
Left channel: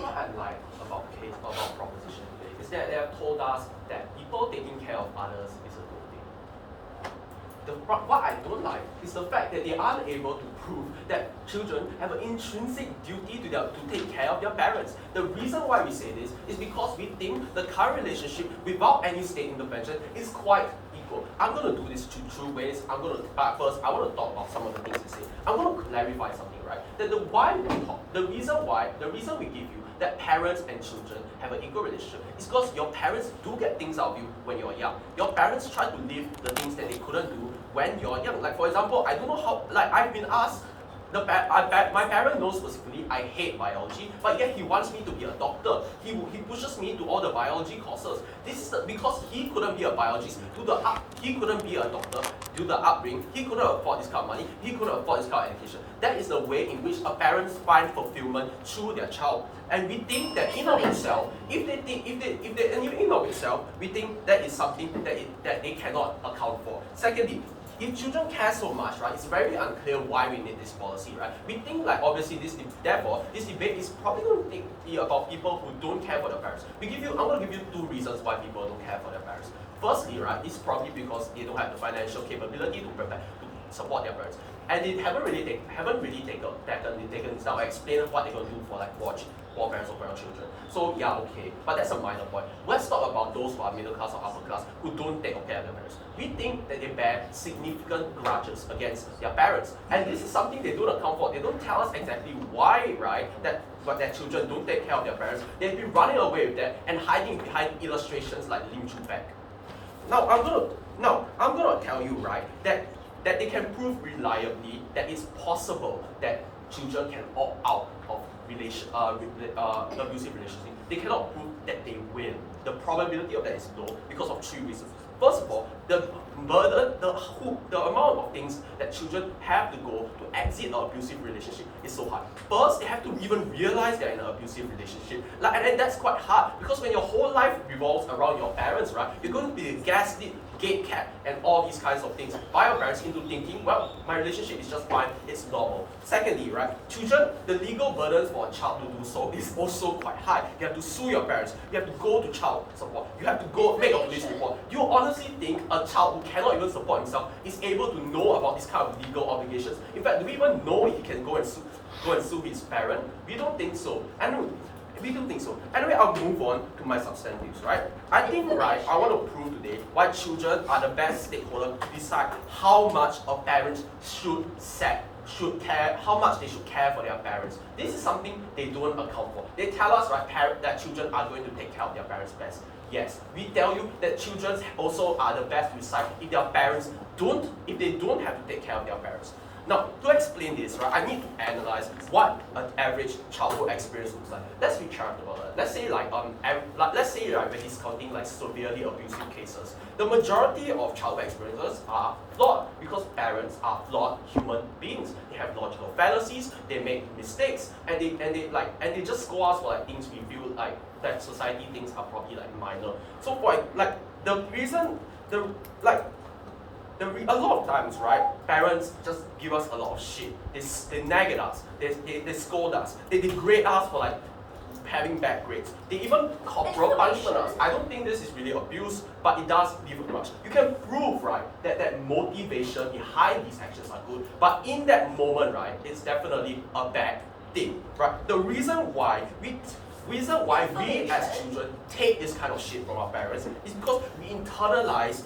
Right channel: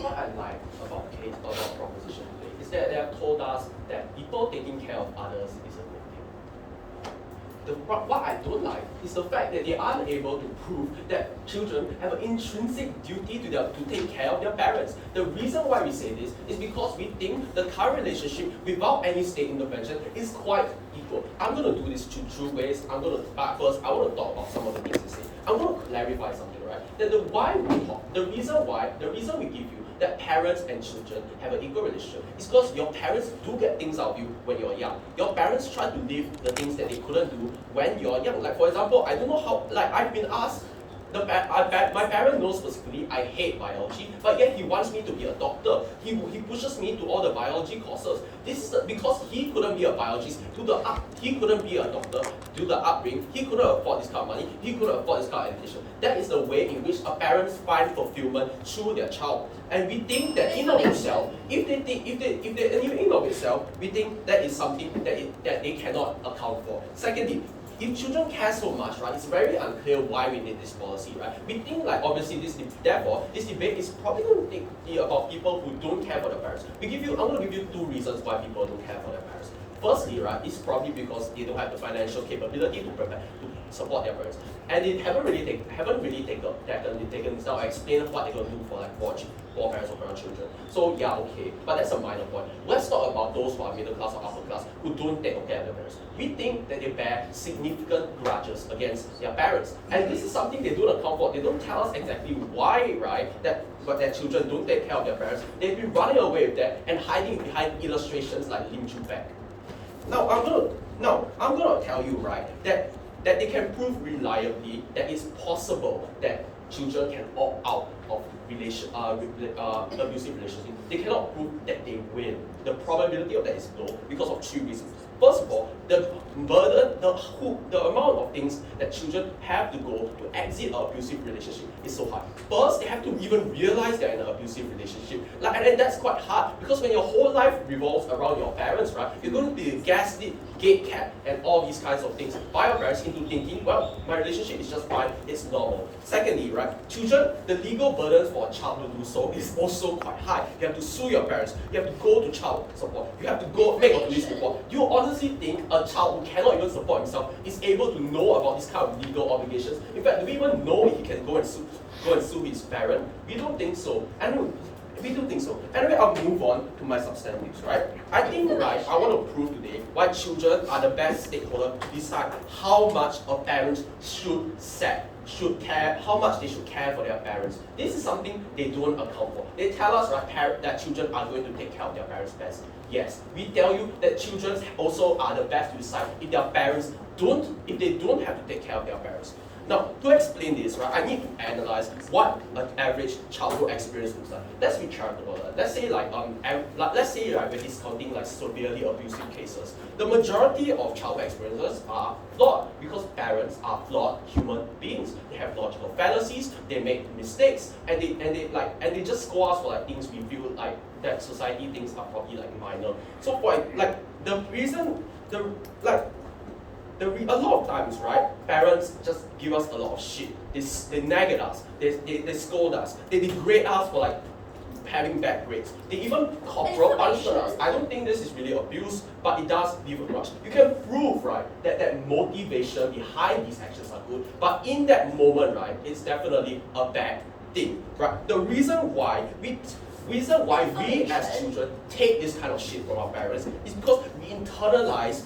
What I like about proposition today is that they have told us that people taking care of others is a good thing. What I don't like is the fact that they aren't able to prove that children have an intrinsic duty to take care of their parents. The reason why we say this is because we think the current relationship without any state intervention is quite equal. I'm going to do this two ways. But first, I want to talk about some of the things you say. I want to clarify something, right? That the reason we give you that parents and children have an equal relationship is because your parents do get things out of you when you're young. Your parents try to live the things that they couldn't do when you're young. Like for example, I don't know how, like I've been asked, my parent knows specifically I hate biology, but yet he wants me to be a doctor. He pushes me to all the biology courses. This is because he couldn't be a biologist, he couldn't be a doctor, due to the upbringing, he couldn't afford this kind of money, he couldn't afford this kind of education. That is the way in which a parents find fulfillment through their child. And we think that in of itself, we think that is something that they cannot account for. Secondly, if children care so much, right, it's very unclear why we need this policy, right? We think like obviously this debate is probably going to be about people who don't care for their parents. I'm going to give you two reasons why people don't care for their parents. Firstly, right, it's probably because they don't have the financial capability to support their parents. And they haven't really taken this down, explain what they're going to do for like for parents or for their children. So yeah, okay, but that's a minor point. Let's talk about those who are middle class or upper class who don't take care of their parents. We think that they bear significant grudges against their parents, and this is something they don't account for. They don't tell us exactly why, right? That their children don't take care of their parents. They've been running away with that and hiding behind illustrations like Lim Chu Bek. Now I'm gonna tell you, right, that they can prove reliably that it's possible that children can opt out of abusive relationships. They cannot prove that they will. The probability of that is low because of 3 reasons. First of all, the burden, the amount of things that children have to go to exit an abusive relationship is so hard. First, they have to even realize they're in an abusive relationship. And that's quite hard because when your whole life revolves around your parents, right, you're going to be gaslit, gatekept, and all these kinds of things by your parents into thinking, well, my relationship is just fine, it's normal. Secondly, right, children, the legal burdens for a child to do so is also quite high. You have to sue your parents, you have to go to child support, you have to go make a police report. You honestly think a child who cannot even support himself is able to know about this kind of legal obligations? In fact, do we even know if he can go and sue his parent? We don't think so. We do think so. Anyway, I'll move on to my substantives, right? I think, right, I want to prove today why children are the best stakeholder to decide how much a parent should care, how much they should care for their parents. This is something they don't account for. They tell us, right, that children are going to take care of their parents best. Yes, we tell you that children also are the best to decide if they don't have to take care of their parents. Now, to explain this, right, I need to analyze what an average childhood experience looks like. Let's be charitable. Let's say right, we're discounting like severely abusive cases. The majority of childhood experiences are flawed because parents are flawed human beings. They have logical fallacies, they make mistakes, and they just score us for like things we feel like that society thinks are probably like minor. So for like the reason a lot of times, right, parents just give us a lot of shit. They nag at us, they scold us, they degrade us for like having bad grades. They even corporal punishment us. I don't think this is really abuse, but it does leave a grudge. You can prove, right, that motivation behind these actions are good, but in that moment, right, it's definitely a bad thing, right? The reason why we as children take this kind of shit from our parents is because we internalize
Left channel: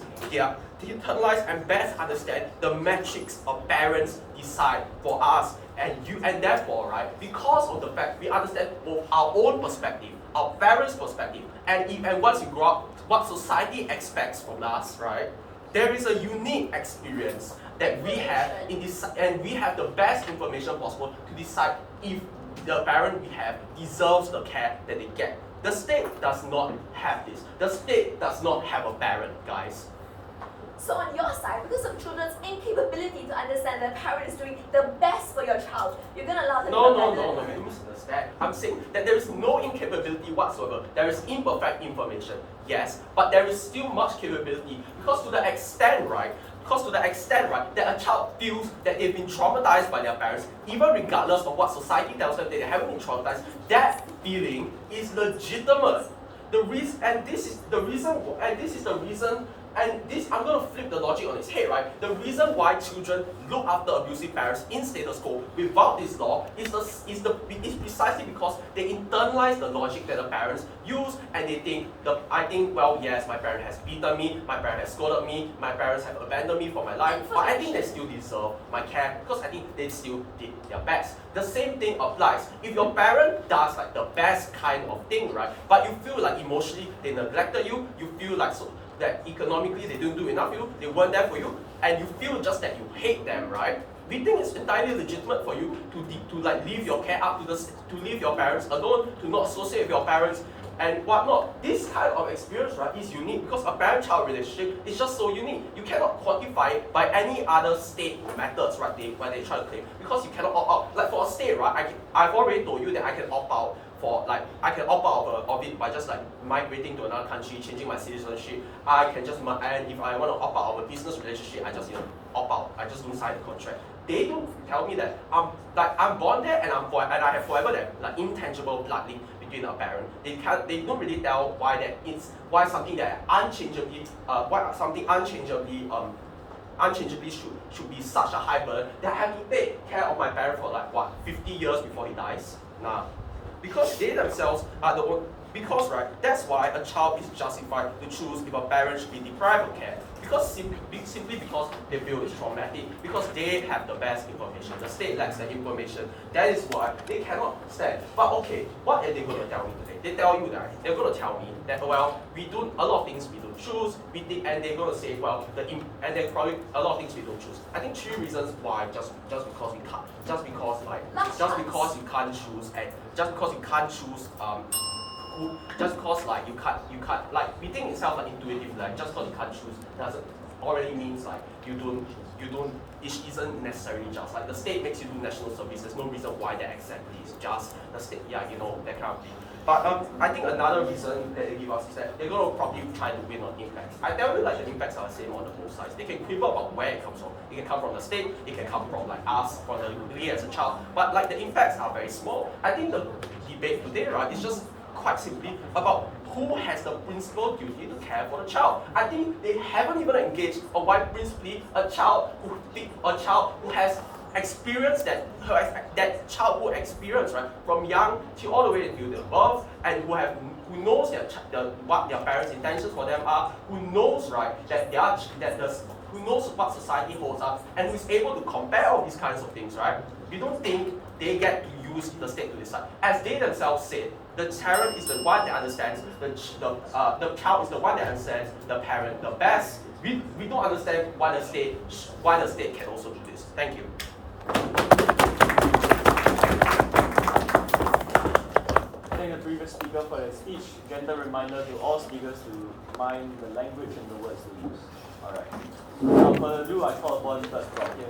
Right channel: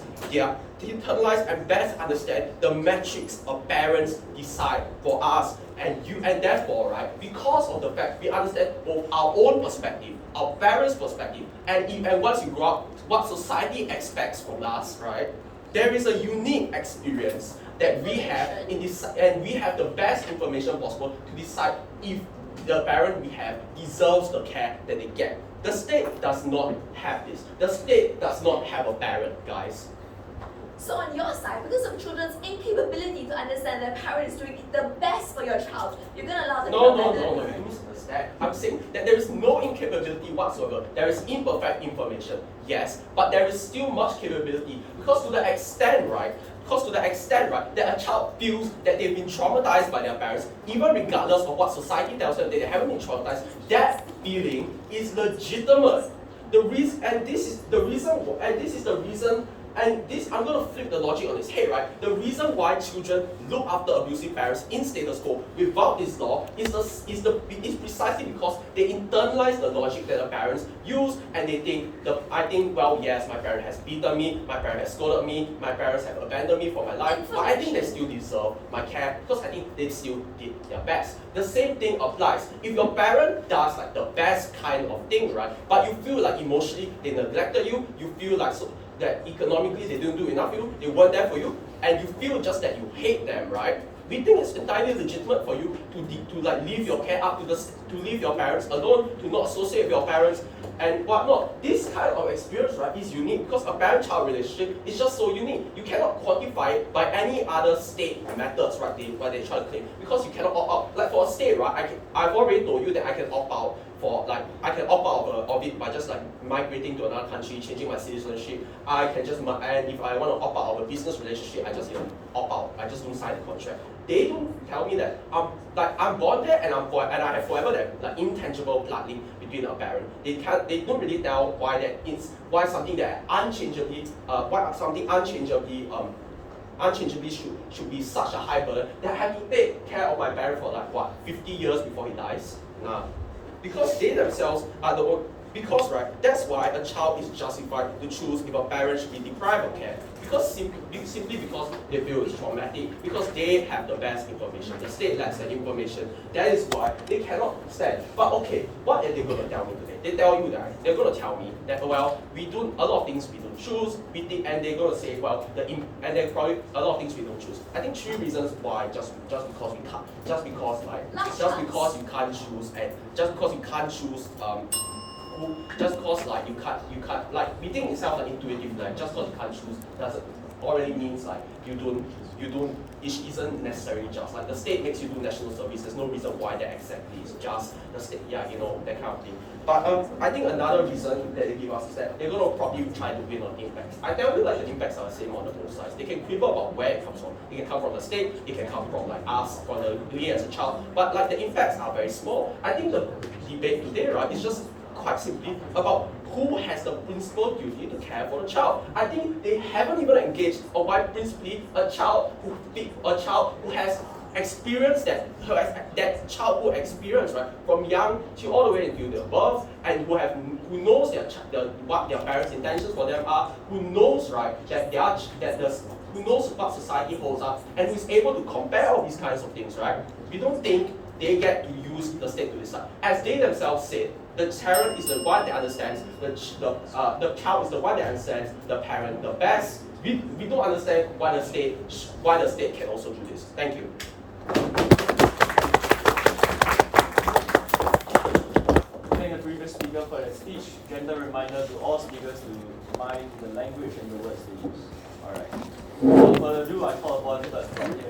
and best understand the metrics of parents decide for us and therefore, right, because of the fact we understand both our own perspective, our parents' perspective, and once you grow up, what society expects from us, right, there is a unique experience that we have in this, and we have the best information possible to decide if the parent we have deserves the care that they get. The state does not have this. The state does not have a parent, guys. So on your side, because of children's incapability to understand their parents doing the best for your child, you're going to allow them to No, you misunderstand. I'm saying that there is no incapability whatsoever. There is imperfect information, yes, but there is still much capability because to the extent, right, that a child feels that they've been traumatized by their parents, even regardless of what society tells them that they haven't been traumatized, that feeling is legitimate. I'm going to flip the logic on its head, right? The reason why children look after abusive parents in status quo without this law is precisely because they internalize the logic that the parents use, and they think, well, yes, my parent has beaten me, my parent has scolded me, my parents have abandoned me for my life, but I think they still deserve my care because I think they still did their best. The same thing applies. If your parent does like the best kind of thing, right, but you feel like emotionally they neglected you, you feel like that economically they didn't do enough for you, they weren't there for you, and you feel just that you hate them, right? We think it's entirely legitimate for you to like leave your care up to leave your parents alone, to not associate with your parents and whatnot. This kind of experience, right, is unique because a parent-child relationship is just so unique. You cannot quantify it by any other state methods, right? Where they try to claim, because you cannot opt out. Like for a state, right, I've already told you that I can opt out. I can opt out of it by just like migrating to another country, changing my citizenship. And if I want to opt out of a business relationship, I just opt out. I just don't sign the contract. They don't tell me that I'm born there and I have forever that like intangible blood link between a parent. They don't really tell why something unchangeably unchangeably should be such a high burden that I have to take care of my parent for like what, 50 years before he dies? Nah. Because they themselves are the one, because right, that's why a child is justified to choose if a parent should be deprived of care. Because simply because they feel it's traumatic, because they have the best information, the state lacks the information. That is why they cannot stand. But okay, what are they going to tell me today? They tell you that they're going to tell me that, well, we do a lot of things we don't choose, and they're going to say, well, and they're probably a lot of things we don't choose. I think 3 reasons why, just because we can't, just because you can't choose, and just because you can't choose just cause like you can't like reading itself an intuitive, like just cause you can't choose doesn't already means like you don't it isn't necessarily just like the state makes you do national service. There's no reason why that exactly is just the state, yeah, you know, that kind of thing. But I think another reason that they give us is that they're gonna probably try to win on impacts. I tell you, like, the impacts are the same on the both sides. They can quibble about where it comes from. It can come from the state, it can come from like us, from the we as a child. But like the impacts are very small. I think the debate today, right, is just quite simply about who has the principal duty to care for the child. I think they haven't even engaged on why principally a child who has experienced that childhood experience, right, from young till all the way until their birth, and who knows what their parents' intentions for them are, who knows, right, who knows what society holds up, and who is able to compare all these kinds of things, right? We don't think they get to use the state to decide. As they themselves said, the parent is the one that understands, the child is the one that understands the parent the best. We don't understand why the state can also do this. Thank you. Thank the previous speaker for that speech. Gentle reminder to all speakers to mind the language and the words they use. Alright. Without further ado, I call upon the speaker.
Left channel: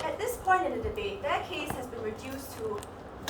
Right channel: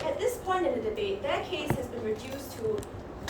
At this point in the debate, their case has been reduced to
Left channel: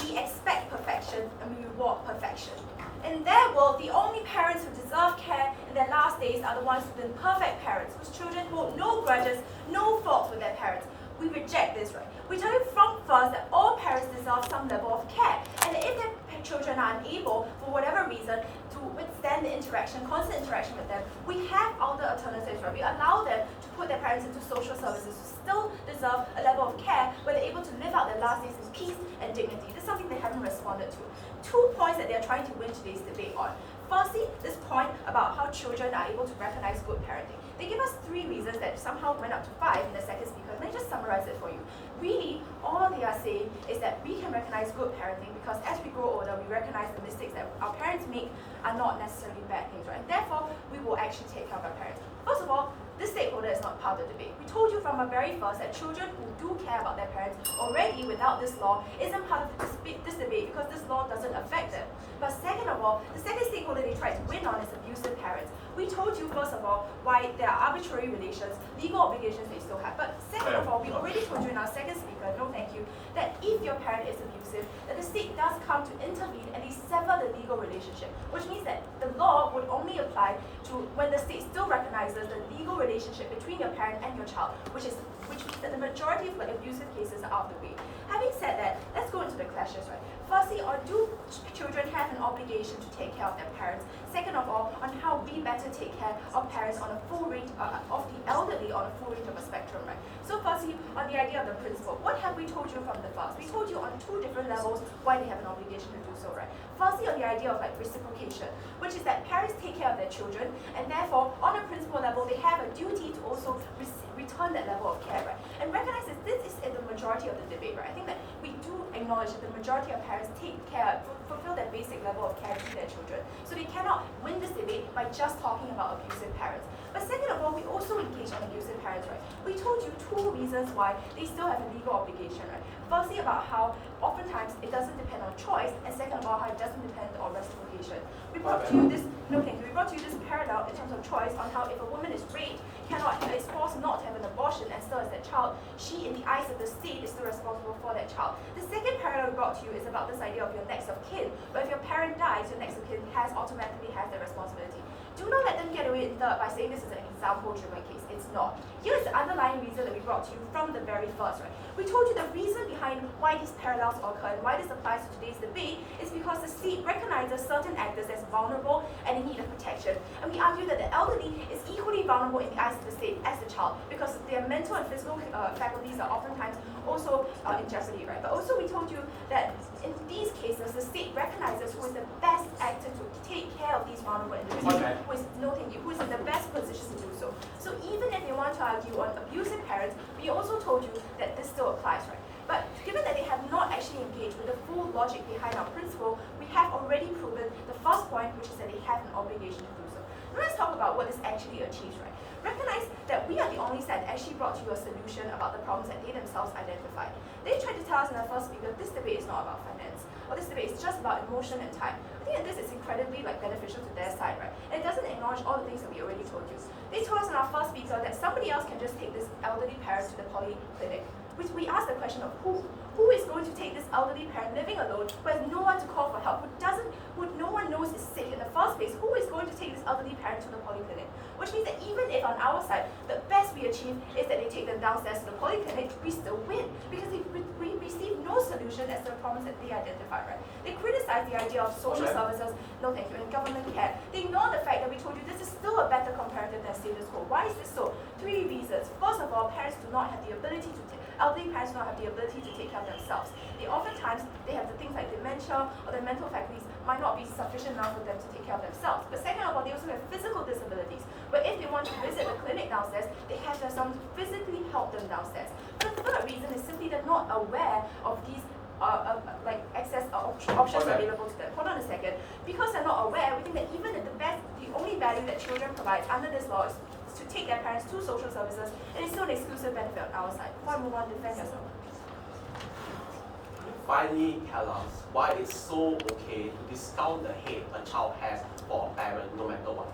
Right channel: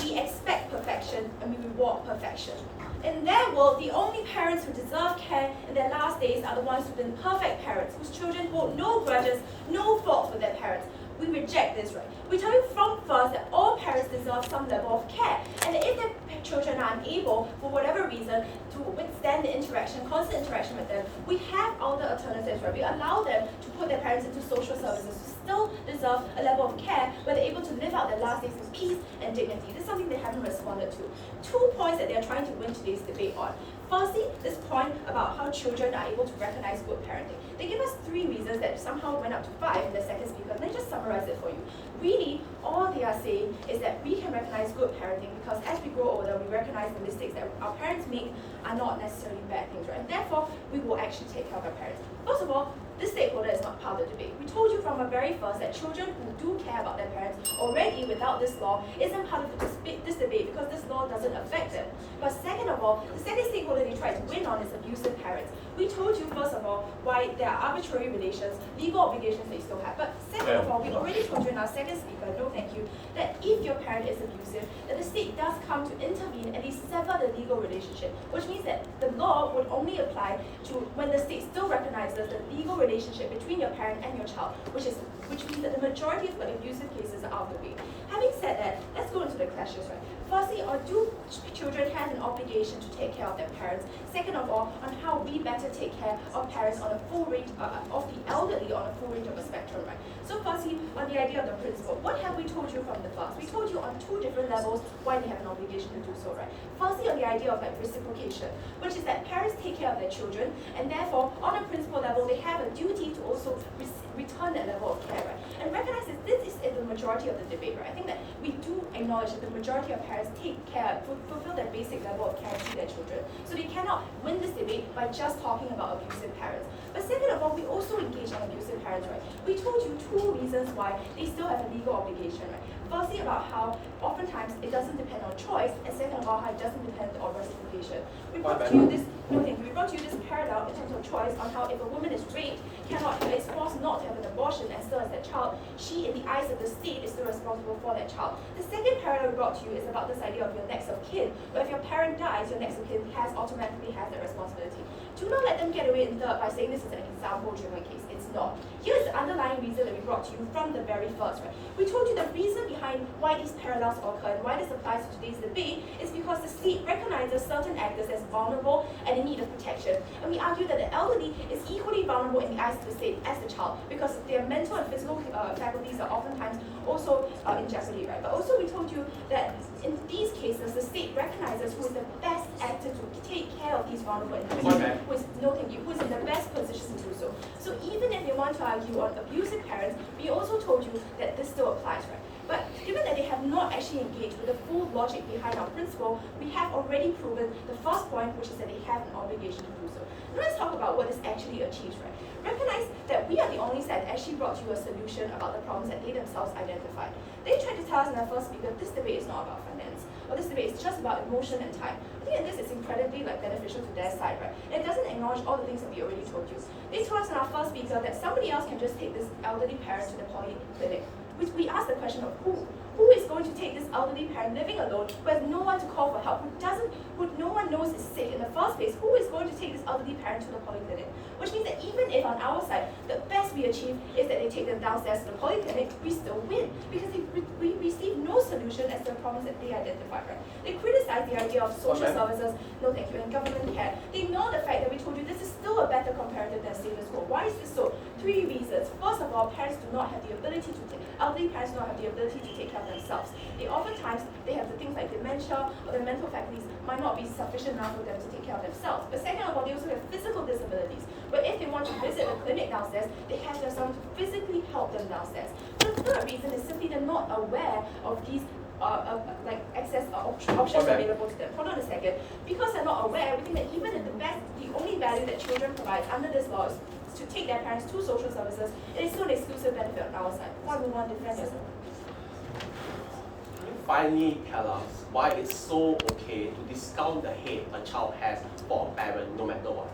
we expect perfection and we reward perfection. In their world, the only parents who deserve care in their last days are the ones who've been perfect parents, whose children hold no grudges, no fault with their parents. We reject this, right? We tell you from first that all parents deserve some level of care, and if their children are unable, for whatever reason, to withstand the interaction, constant interaction with them, we have other alternatives, right? We allow them to put their parents into social services, who still deserve a level of care where they're able to live out their last days in peace and dignity. This is something they haven't responded to. 2 points that they're trying to win today's debate on. Firstly, this point about how children are able to recognize good parenting. They give us 3 reasons that somehow went up to 5 in the second speaker. Let me just summarize it for you. Really, all they are saying is that we can recognize good parenting because as we grow older, we recognize the mistakes that our parents make are not necessarily bad things, right? And therefore, we will actually take care of our parents. First of all, this stakeholder is not part of the debate. We told you from the very first that children who do care about their parents already without this law isn't part of this debate because this law doesn't affect them. But second of all, the second stakeholder they tried to win on is abusive parents. We told you first of all why there are arbitrary relations, legal obligations that you still have. But second of all, we already told you in our second speaker, no thank you, that if your parent is abusive, that the state does come to intervene and they sever the legal relationship, which means that the law would only apply to when the state still recognizes the legal relationship between your parent and your child, which means that the majority of abusive cases are out of the way. Having said that, let's go into the clashes, right? Firstly, do children have an obligation to take care of their parents? Second of all, on how we better take care of parents on a full range, of the elderly on a full range of a spectrum, right? So firstly, on the idea of the principle, what have we told you from the first? We told you on 2 different levels why they have an obligation to do so, right? Firstly, on the idea of reciprocation, which is that parents take care of their children, and therefore, on a principle level, they have a duty to also return that level of care, right? And recognize that this is the majority of the debate, right? I think that we do acknowledge that the majority of parents take care, fulfill their basic level of care to their children. So they cannot win this debate by just talking about abusive parents. But second of all, we also engage on abusive parents, right? We told you 2 reasons why they still have a legal obligation, right? Firstly, about how oftentimes it doesn't depend on choice, and second of all, how it doesn't depend on reciprocation. We brought to you this, we brought to you this parallel in terms of choice on how if a woman is raped, is forced not to have an abortion, abortion and still has that child, she, in the eyes of the state, is still responsible for that child. The second parallel we brought to you is about this idea of your next of kin, where if your parent dies, your next of kin automatically has that responsibility. Do not let them get away in third by saying this is an example-driven case. It's not. Here is the underlying reason that we brought to you from the very first, right? We told you the reason behind why these parallels occur and why this applies to today's debate is because the state recognizes certain actors as vulnerable and in need of protection. And we argue that the elderly is equally vulnerable in the eyes of the state as the child because their mental and physical faculties are oftentimes also in jeopardy, right? But also we told you that in these cases, the state recognizes who is the best actor to take care of these vulnerable individuals, who is in the best position to do so. So even if you want to argue on abusive parents, we also told you that this still applies, right? But given that they have not actually engaged with the full logic behind our principle, we have already proven the first point, which is that they have an obligation to do so. Now let's talk about what this actually achieves, right? Recognize that we are the only side that actually brought you a solution about the problems that they themselves identified. They tried to tell us in the first speaker, this debate is not about finance, or this debate is just about emotion and time. I think that this is incredibly beneficial to their side, right? And it doesn't acknowledge all the things that we already told you. They told us in our first speaker that somebody else can just take this elderly parent to the polyclinic. We asked the question of who is going to take this elderly parent living alone, who has no one to call for help, who no one knows is sick in the first place, who is going to take this elderly parent to the polyclinic? Which means that even if on our side, the best we achieve is that they take them downstairs to the polyclinic, we still win because we receive no solution as to the problems that they identified, right? They criticize the idea of social services, no thank you, and government care. They ignore the fact that we told you this is still a better comparative than status quo. Why is this so? 3 reasons. First of all, parents do not have the ability to elderly parents do not have the ability to take care of themselves. Oftentimes, they have the things like dementia or their mental faculties might not be sufficient enough for them to take care of themselves. But second of all, they also have physical disabilities, where if they want to visit the clinic downstairs, they have to have someone to physically help them downstairs. The third reason is simply they're not aware of these access options available to them. Hold on a second. Because they're not aware, we think that even at the only value that children provide under this law is to take their parents to social services, it is still an exclusive benefit on our side. Why we want to defend yourself? Finally tell us why it's so okay to discount the hate a child has for a parent no matter what.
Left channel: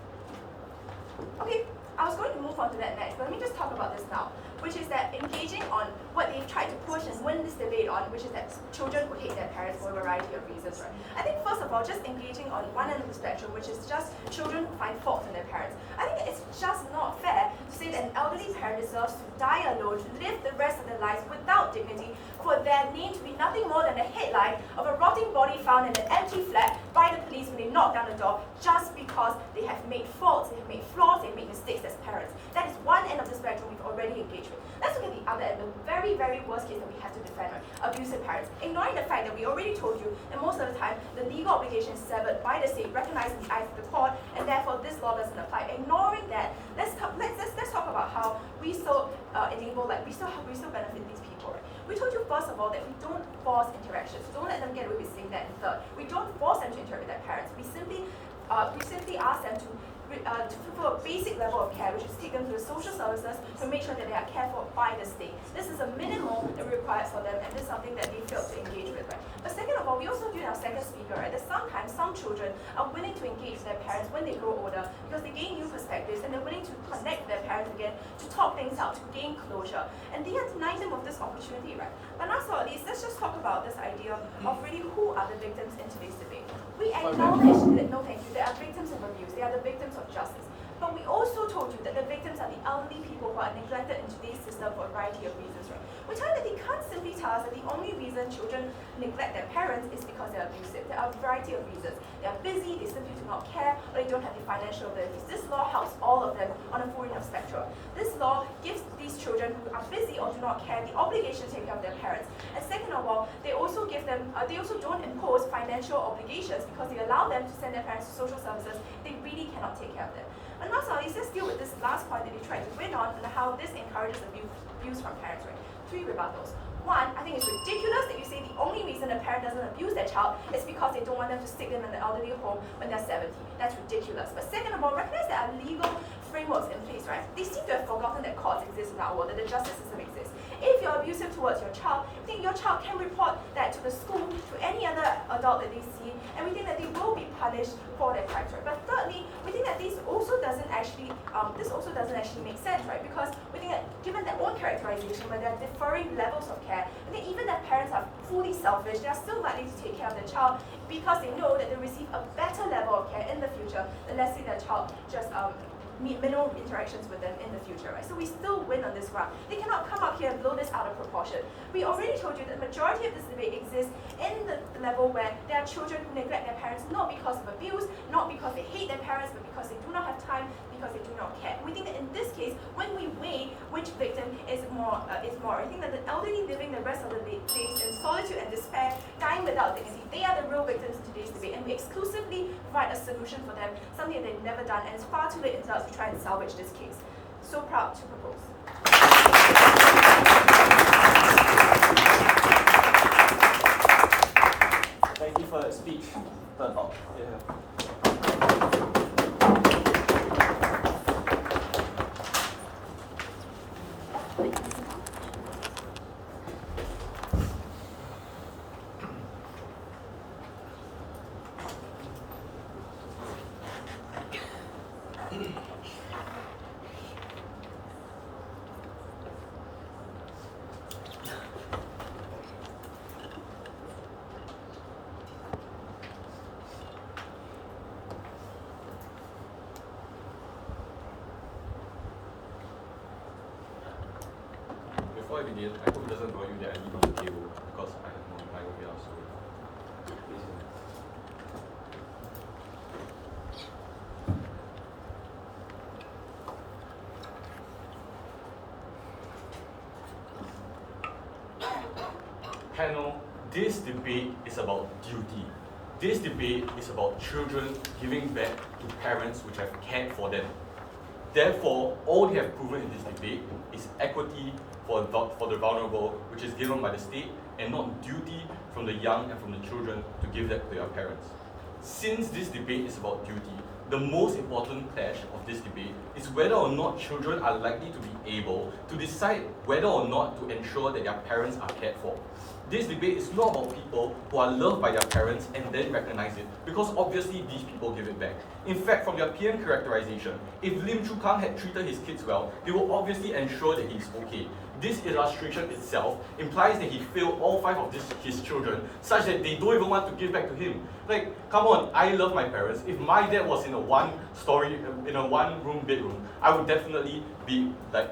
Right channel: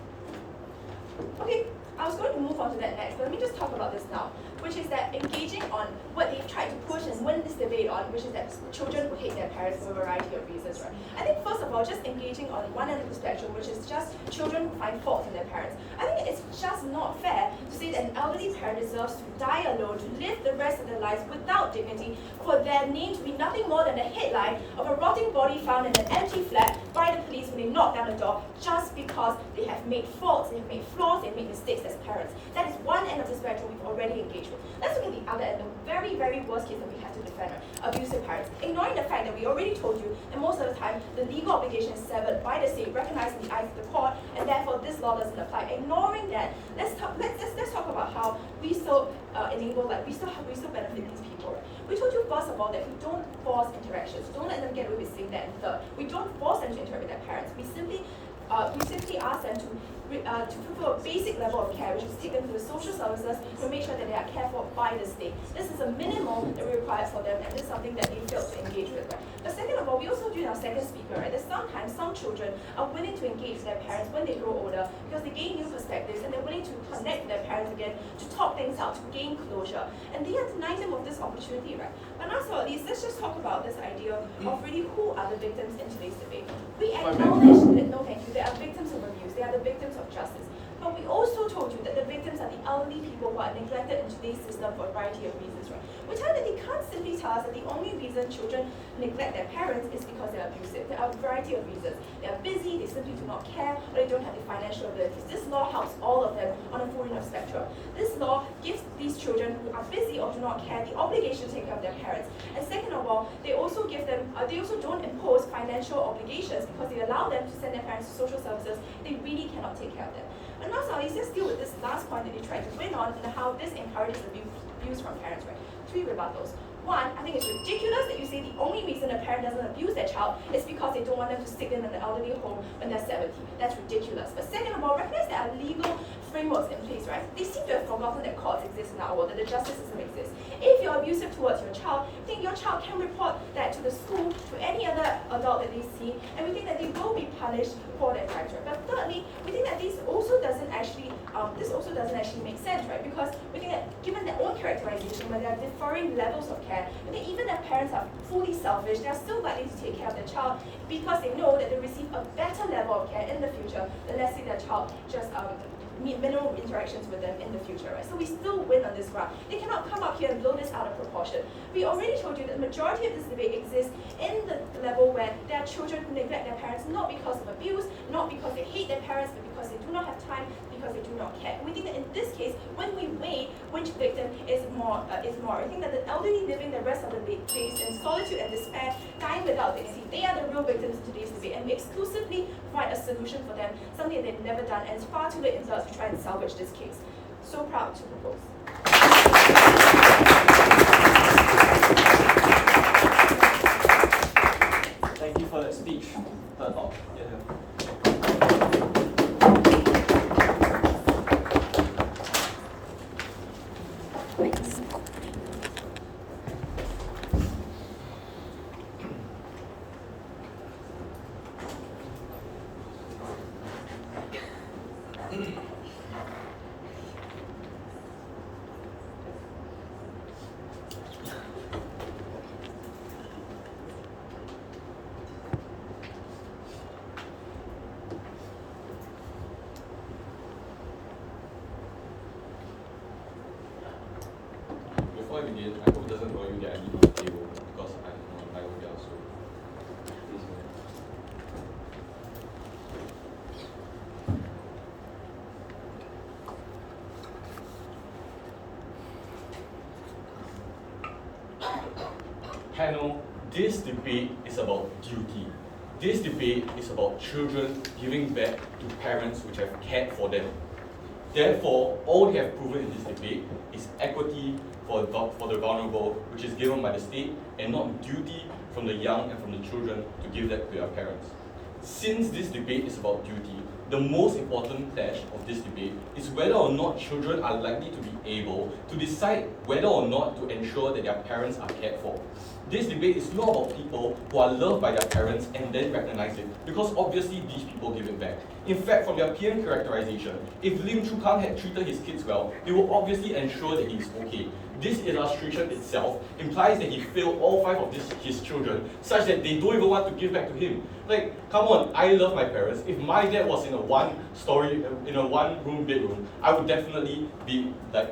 Okay, I was going to move on to that next, but let me just talk about this now, which is that engaging on what they've tried to push and win this debate on, which is that children who hate their parents for a variety of reasons, right? I think first of all, just engaging on one end of the spectrum, which is just children who find fault in their parents. I think it's just not fair to say that an elderly parent deserves to die alone, to live the rest of their lives without dignity, for their name to be nothing more than a headline of a rotting body found in an empty flat by the police when they knock down the door, just because they have made faults, they have made flaws, they have made mistakes as parents. That is one end of the spectrum we've already engaged with. Let's look at the other end, the very, very worst case that we have to defend, right? Abusive parents. Ignoring the fact that we already told you, and most of the time, the legal obligation is severed by the state, recognized in the eyes of the court, and therefore this law doesn't apply. Ignoring that, let's talk about how we still we still benefit these people, right? We told you first of all that we don't force interactions. Don't let them get away with saying that in third. We don't force them to interact with their parents. We simply ask them to fulfill a basic level of care, which is take them to the social services to make sure that they are cared for by the state. This is a minimum that we require for them, and this is something that they failed to engage with, right? But second of all, we also do in our second speaker, right, that sometimes some children are willing to engage with their parents when they grow older because they gain new perspectives and they're willing to connect with their parents again, to talk things out, to gain closure. And they are denying them of this opportunity, right? But last but not least, let's just talk about this idea of really who are the victims in today's debate. We acknowledge that, no thank you, they are victims of abuse, they are the victims of justice. But we also told you that the victims are the elderly people who are neglected in today's system for a variety of reasons, right? We tell that they can't simply tell us that the only reason children neglect their parents is because they're abusive. There are a variety of reasons. They're busy, they simply do not care, or they don't have the financial abilities. This law helps all of them on a full range of spectrum. This law gives these children who are busy or do not care the obligation to take care of their parents. And second of all, they also give them, they also don't impose financial obligations because they allow them to send their parents to social services if they really cannot take care of them. But now, let's just deal with this last point that they tried to win on and how this encourages abuse from parents, right? 3 rebuttals. One, I think it's ridiculous that you say the only reason a parent doesn't abuse their child is because they don't want them to stick them in the elderly home when they're 70. That's ridiculous. But second of all, recognize there are legal frameworks in place, right? They seem to have forgotten that courts exist exist in our world, that the justice system exists. If you're abusive towards your child, we think your child can report that to the school, to any other adult that they see, and we think that they will be punished for their crimes, right? But thirdly, we think that this also doesn't actually make sense, right? Because we think that given their own characterization, where there are differing levels of care, we think even if parents are fully selfish, they are still likely to take care of their child because they know that they'll receive a better level of care in the future than, let's say, their child just minimal interactions with them in the future, right? So we still win on this front. They cannot come up here and blow this out of proportion. We already told you that the majority of this debate exists in the level where there are children who neglect their parents not because of abuse, not because they hate their parents, but because they do not have time, because they do not care. We think that in this case, when we weigh which victim is more, we think that the elderly living the rest of the days in solitude and despair, dying without dignity, they are the real victims in today's debate, and we exclusively provide a solution for them, something they've never done, and it's far too late in us to try and salvage this case. So proud to propose. Thank you for that speech. Before I begin, I hope it doesn't annoy you that I leave on the table because I have more myopia, so please. Panel, this debate is about duty. This debate is about children giving back to parents which have cared for them. Therefore, all they have proven in this debate is equity for the vulnerable, which is given by the state, and not duty from the young and from the children to give that to their parents. Since this debate is about duty, the most important clash of this debate is whether or not children are likely to be able to decide whether or not to ensure that their parents are cared for. This debate is not about people who are loved by their parents and then recognize it, because obviously these people give it back. In fact, from their PM characterization, if Lim Chu Kang had treated his kids well, they will obviously ensure that he's okay. This illustration itself implies that he failed all 5 of his children, such that they don't even want to give back to him. Like, come on, I love my parents. If my dad was in a one-room bedroom, I would definitely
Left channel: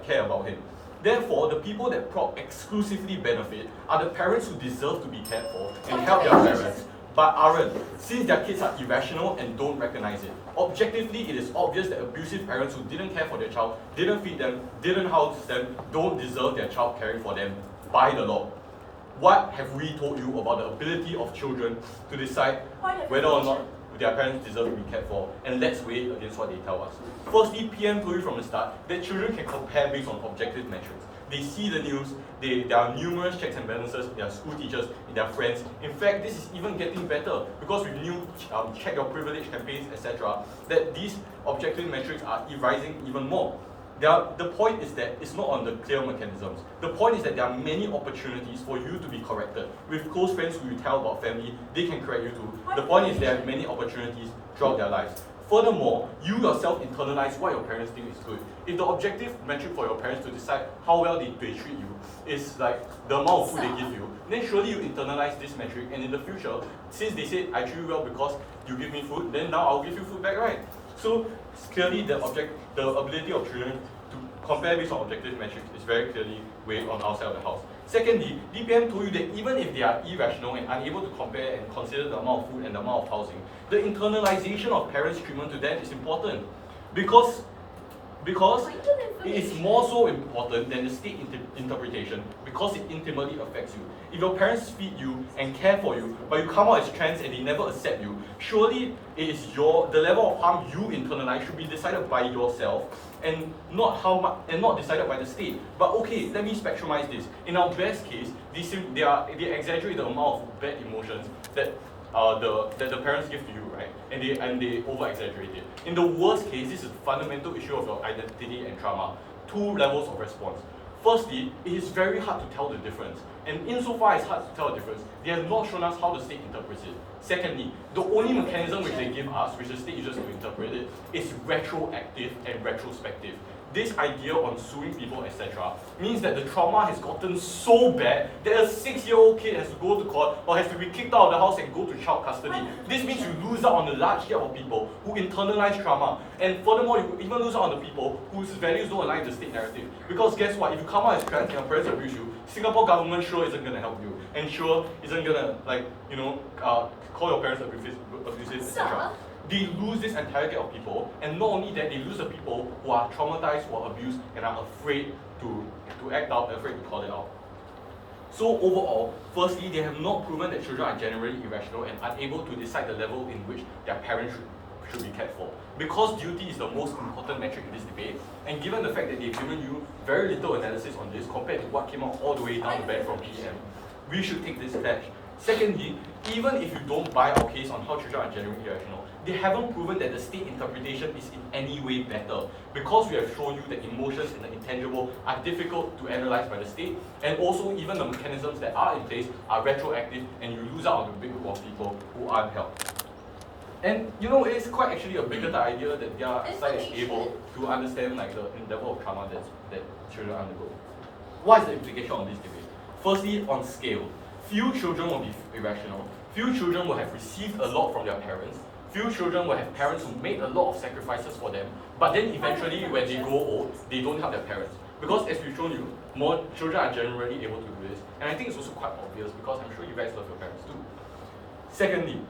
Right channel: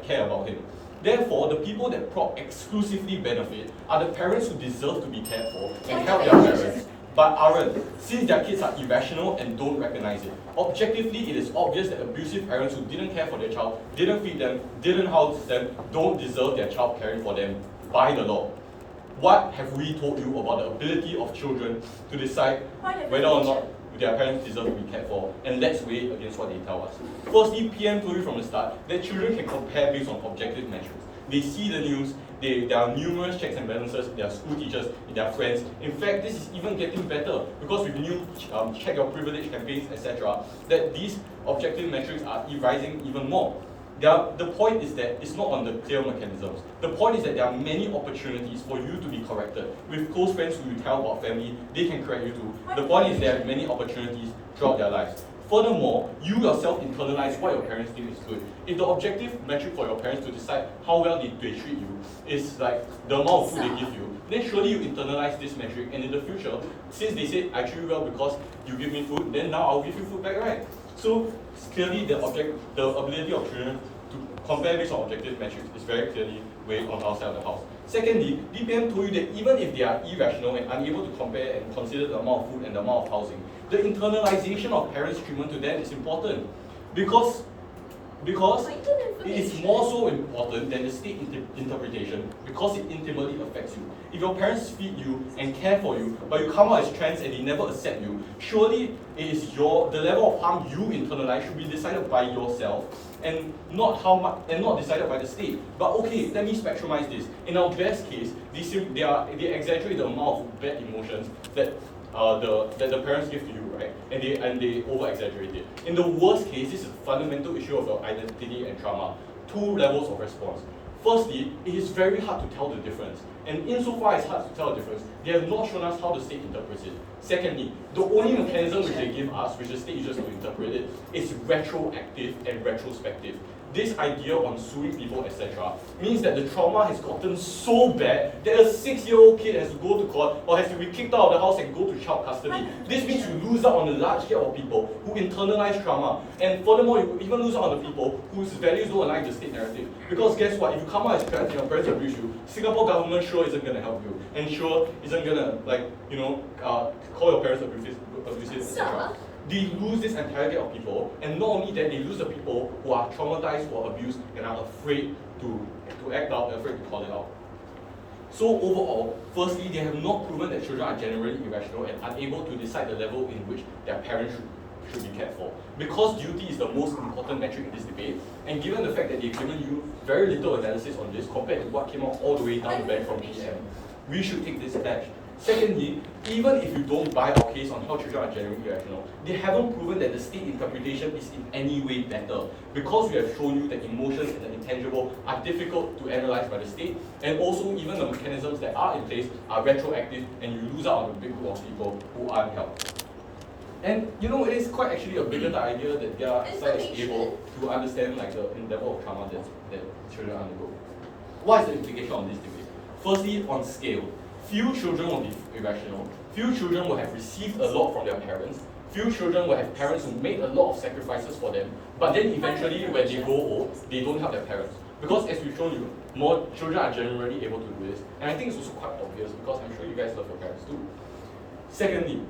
care about him. Therefore, the people that prop exclusively benefit are the parents who deserve to be cared for and help their parents, but aren't, since their kids are irrational and don't recognize it. Objectively, it is obvious that abusive parents who didn't care for their child, didn't feed them, didn't house them, don't deserve their child caring for them by the law. What have we told you about the ability of children to decide whether or not their parents deserve to be cared for, and let's weigh it against what they tell us. Firstly, PM told you from the start that children can compare based on objective metrics. They see the news, there are numerous checks and balances, their school teachers, their friends. In fact, this is even getting better because with new check your privilege campaigns, etc., that these objective metrics are rising even more. The point is that it's not on the clear mechanisms. The point is that there are many opportunities for you to be corrected. With close friends who you tell about family, they can correct you too. The point is there are many opportunities throughout their lives. Furthermore, you yourself internalize what your parents think is good. If the objective metric for your parents to decide how well they treat you is like the amount of food they give you, then surely you internalize this metric, and in the future, since they say I treat you well because you give me food, then now I'll give you food back, right? So clearly the ability of children to compare based on objective metrics is very clearly weighed on our side of the house. Secondly, DPM told you that even if they are irrational and unable to compare and consider the amount of food and the amount of housing, the internalization of parents' treatment to them is important because it is more so important than the state interpretation because it intimately affects you. If your parents feed you and care for you, but you come out as trans and they never accept you, surely it is the level of harm you internalize should be decided by yourself and not decided by the state. But okay, let me spectrumize this. In our best case, they exaggerate the amount of bad emotions that the parents give to you, right? And they over-exaggerate it. In the worst case, this is a fundamental issue of your identity and trauma. two levels of response. Firstly, it is very hard to tell the difference. And insofar as it's hard to tell the difference, they have not shown us how the state interprets it. Secondly, the only mechanism which they give us, which the state uses to interpret it, is retroactive and retrospective. This idea on suing people, etc., means that the trauma has gotten so bad that a 6-year-old kid has to go to court or has to be kicked out of the house and go to child custody. This means you lose out on a large gap of people who internalize trauma. And furthermore, you even lose out on the people whose values don't align with the state narrative. Because guess what? If you come out as trans and your parents abuse you, Singapore government sure isn't going to help you. And sure isn't going to, call your parents abusive, etc. They lose this entire gap of people, and not only that, they lose the people who are traumatized, who are abused, and are afraid to act out, afraid to call it out. So overall, firstly, they have not proven that children are generally irrational and unable to decide the level in which their parents should be cared for. Because duty is the most important metric in this debate, and given the fact that they've given you very little analysis on this compared to what came out all the way down the bench from PM, we should take this patch. Secondly, even if you don't buy our case on how children are generally irrational, they haven't proven that the state interpretation is in any way better, because we have shown you that emotions and the intangible are difficult to analyze by the state, and also even the mechanisms that are in place are retroactive, and you lose out on the big group of people who aren't helped. And it is quite actually a bigger idea that their side is able to understand the level of trauma that children undergo. What is the implication on this debate? Firstly, on scale. Few children will be irrational. Few children will have received a lot from their parents. Few children will have parents who made a lot of sacrifices for them, but then eventually when they grow old, they don't help their parents. Because as we've shown you, more children are generally able to do this. And I think it's also quite obvious because I'm sure you guys love your parents too. Secondly,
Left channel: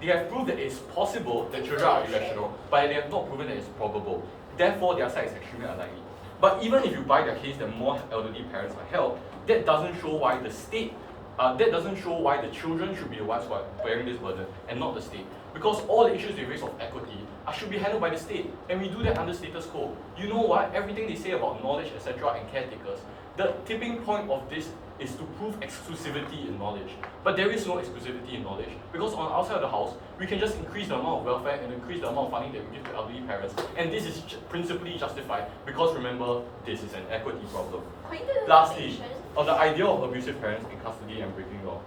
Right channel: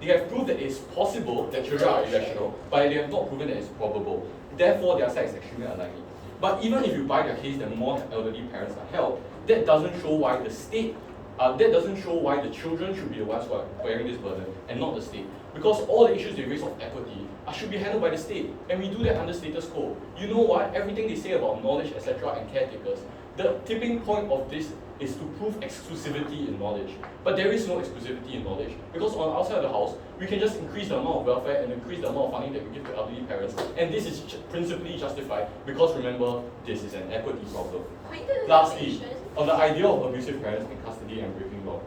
they have proved that it's possible that children are irrational, but they have not proven that it's probable. Therefore, their side is extremely unlikely. But even if you buy the case that more elderly parents are helped, that doesn't show why the state, that doesn't show why the children should be the ones who are bearing this burden and not the state. Because all the issues they raise of equity should be handled by the state, and we do that under status quo. You know what? Everything they say about knowledge, etc., and caretakers, the tipping point of this is to prove exclusivity in knowledge. But there is no exclusivity in knowledge, because on outside of the house, we can just increase the amount of welfare and increase the amount of funding that we give to elderly parents, and this is principally justified because remember, this is an equity problem. Lastly, on the idea of abusive parents in custody and breaking law.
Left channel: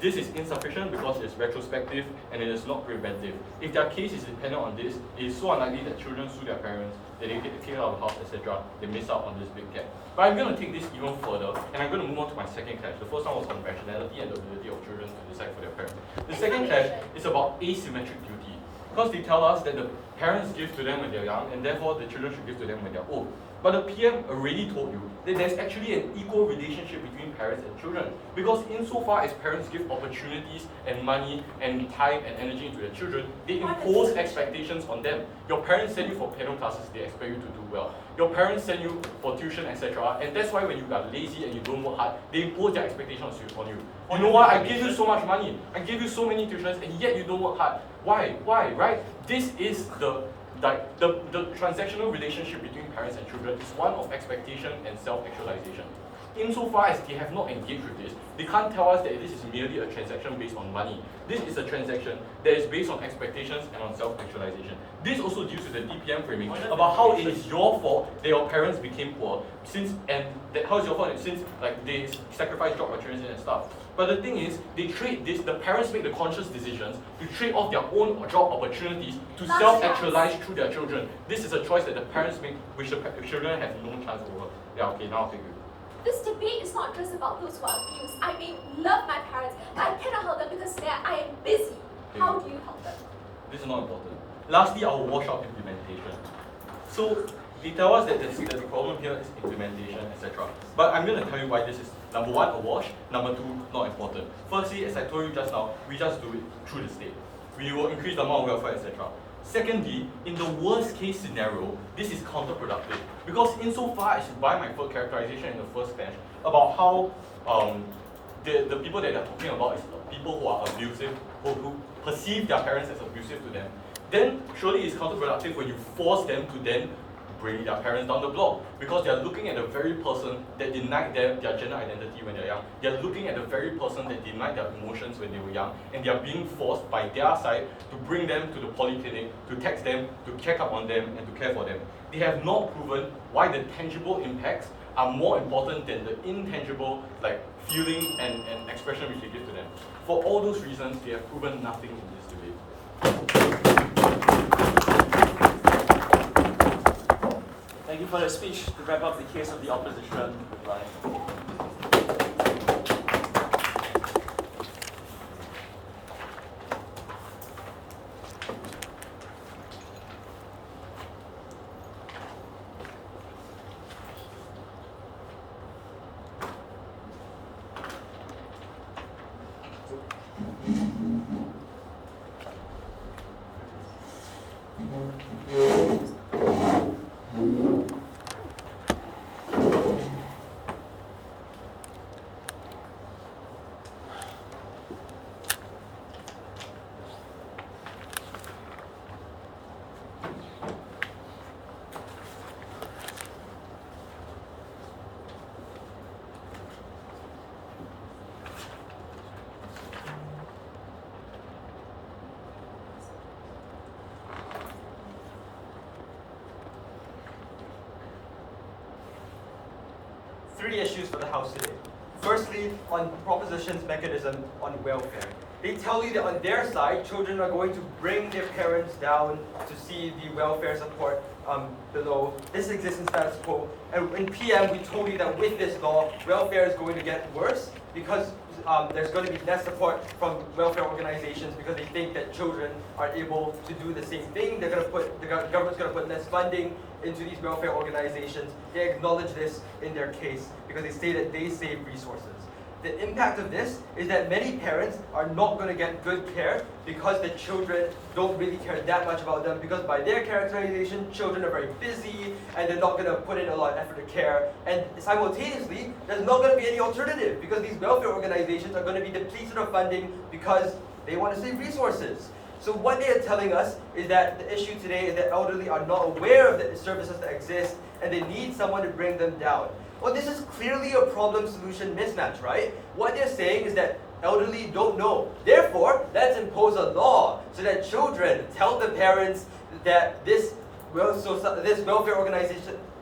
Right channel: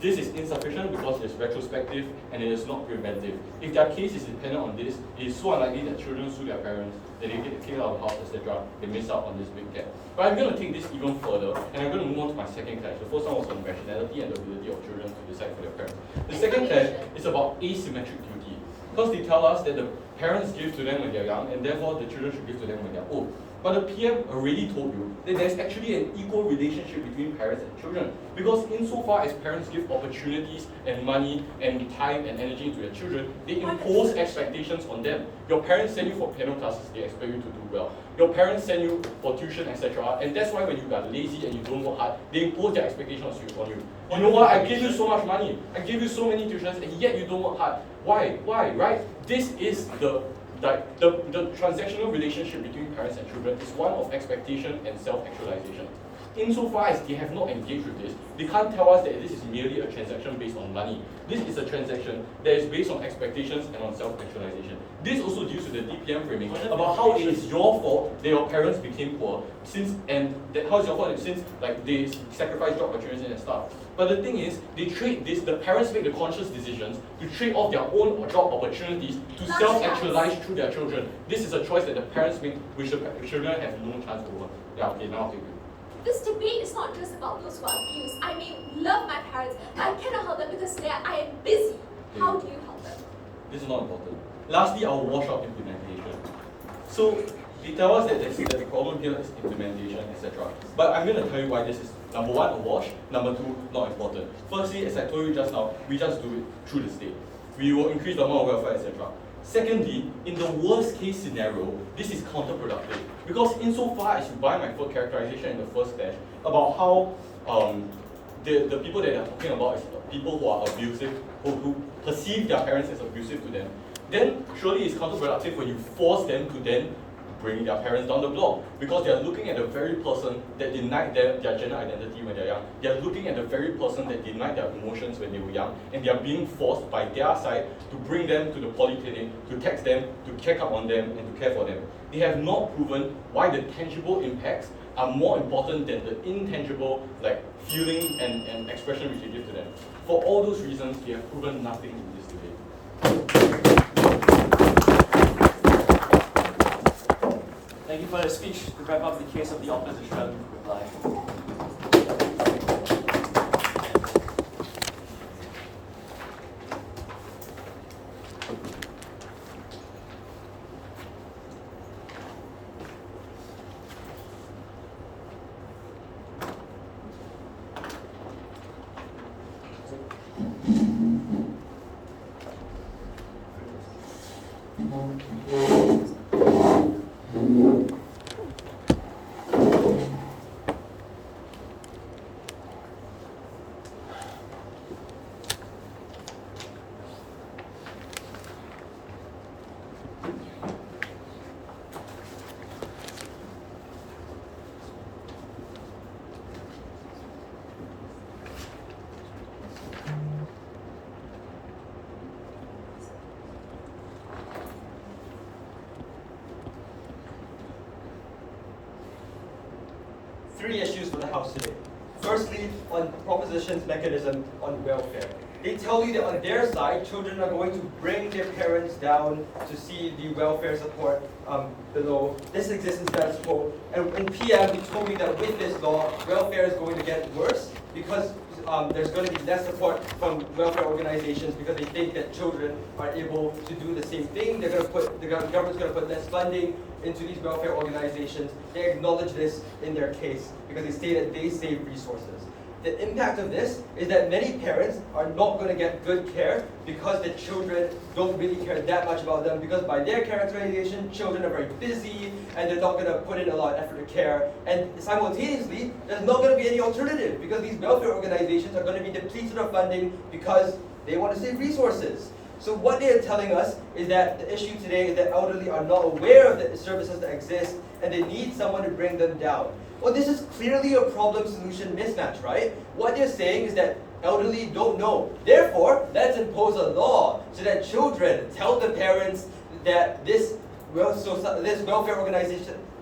This is insufficient because it's retrospective and it is not preventive. If their case is dependent on this, it is so unlikely that children sue their parents, that they get kicked out of the house, etc. They miss out on this big gap. But I'm going to take this even further, and I'm going to move on to my second clash. The first one was on rationality and the ability of children to decide for their parents. The second clash is about asymmetric duty, because they tell us that the parents give to them when they're young, and therefore the children should give to them when they're old. But the PM already told you that there's actually an equal relationship between parents and children, because insofar as parents give opportunities and money and time and energy into their children, they impose expectations on them. Your parents send you for piano classes, they expect you to do well. Your parents send you for tuition, etc. And that's why when you are lazy and you don't work hard, they impose their expectations on you. You know what? I gave you so much money, I gave you so many tuitions, and yet you don't work hard. Why? Right? This is the transactional relationship between parents and children is one of expectation and self-actualization. Insofar as they have not engaged with this, they can't tell us that this is merely a transaction based on money. This is a transaction that is based on expectations and on self-actualization. This also deals with the DPM framing about how it is your fault that your parents became poor, how it's your fault since they sacrificed job opportunities and stuff. But the thing is, they trade this, the parents make the conscious decisions to trade off their own job opportunities to self-actualize through their children. This is a choice that the parents make, which the children have no chance over. Yeah, okay, now I'll take you. This debate is not just about those who are abused. I may love my parents, but I cannot help them because I am busy. How do you help them? This is not important. Lastly, I'll wash out implementation. So they tell us that the problem here is implementation, etc. But I'm going to tell you why this is, number one, a wash, number two, not important. Firstly, as I told you just now, we just do it through the state. We will increase the amount of welfare, etc. Secondly, in the worst case scenario, this is counterproductive, because insofar as you buy my characterization in the first clash about how the people that they're talking about is people who are abusive, who perceive their parents as abusive to them, then surely it's counterproductive when you force them to then bring their parents down the block, because they're looking at the very person that denied them their gender identity when they're young. They're looking at the very person that denied their emotions when they were young, and they're being forced by their side to bring them to the polyclinic, to text them, to check up on them, and to care for them. They have not proven why the tangible impacts are more important than the intangible, like feeling and expression which they give to them. For all those reasons, they have proven nothing in this debate. Thank you for the speech. To wrap up the case of the opposition. Three issues for the House today. Firstly, on proposition's mechanism on welfare. They tell you that on their side, children are going to bring their parents down to see the welfare support below. This exists in status quo. And in PM, we told you that with this law, welfare is going to get worse because there's going to be less support from welfare organizations because they think that children are able to do the same thing. They're going to put, the government's going to put less funding into these welfare organizations. They acknowledge this in their case because they say that they save resources. The impact of this is that many parents are not going to get good care because the children don't really care that much about them, because by their characterization, children are very busy and they're not going to put in a lot of effort to care. And simultaneously, there's not going to be any alternative because these welfare organizations are going to be depleted of funding because they want to save resources. So what they are telling us is that the issue today is that elderly are not aware of the services that exist and they need someone to bring them down. Well, this is clearly a problem-solution mismatch, right? What they're saying is that elderly don't know. Therefore, let's impose a law so that children tell the parents that this welfare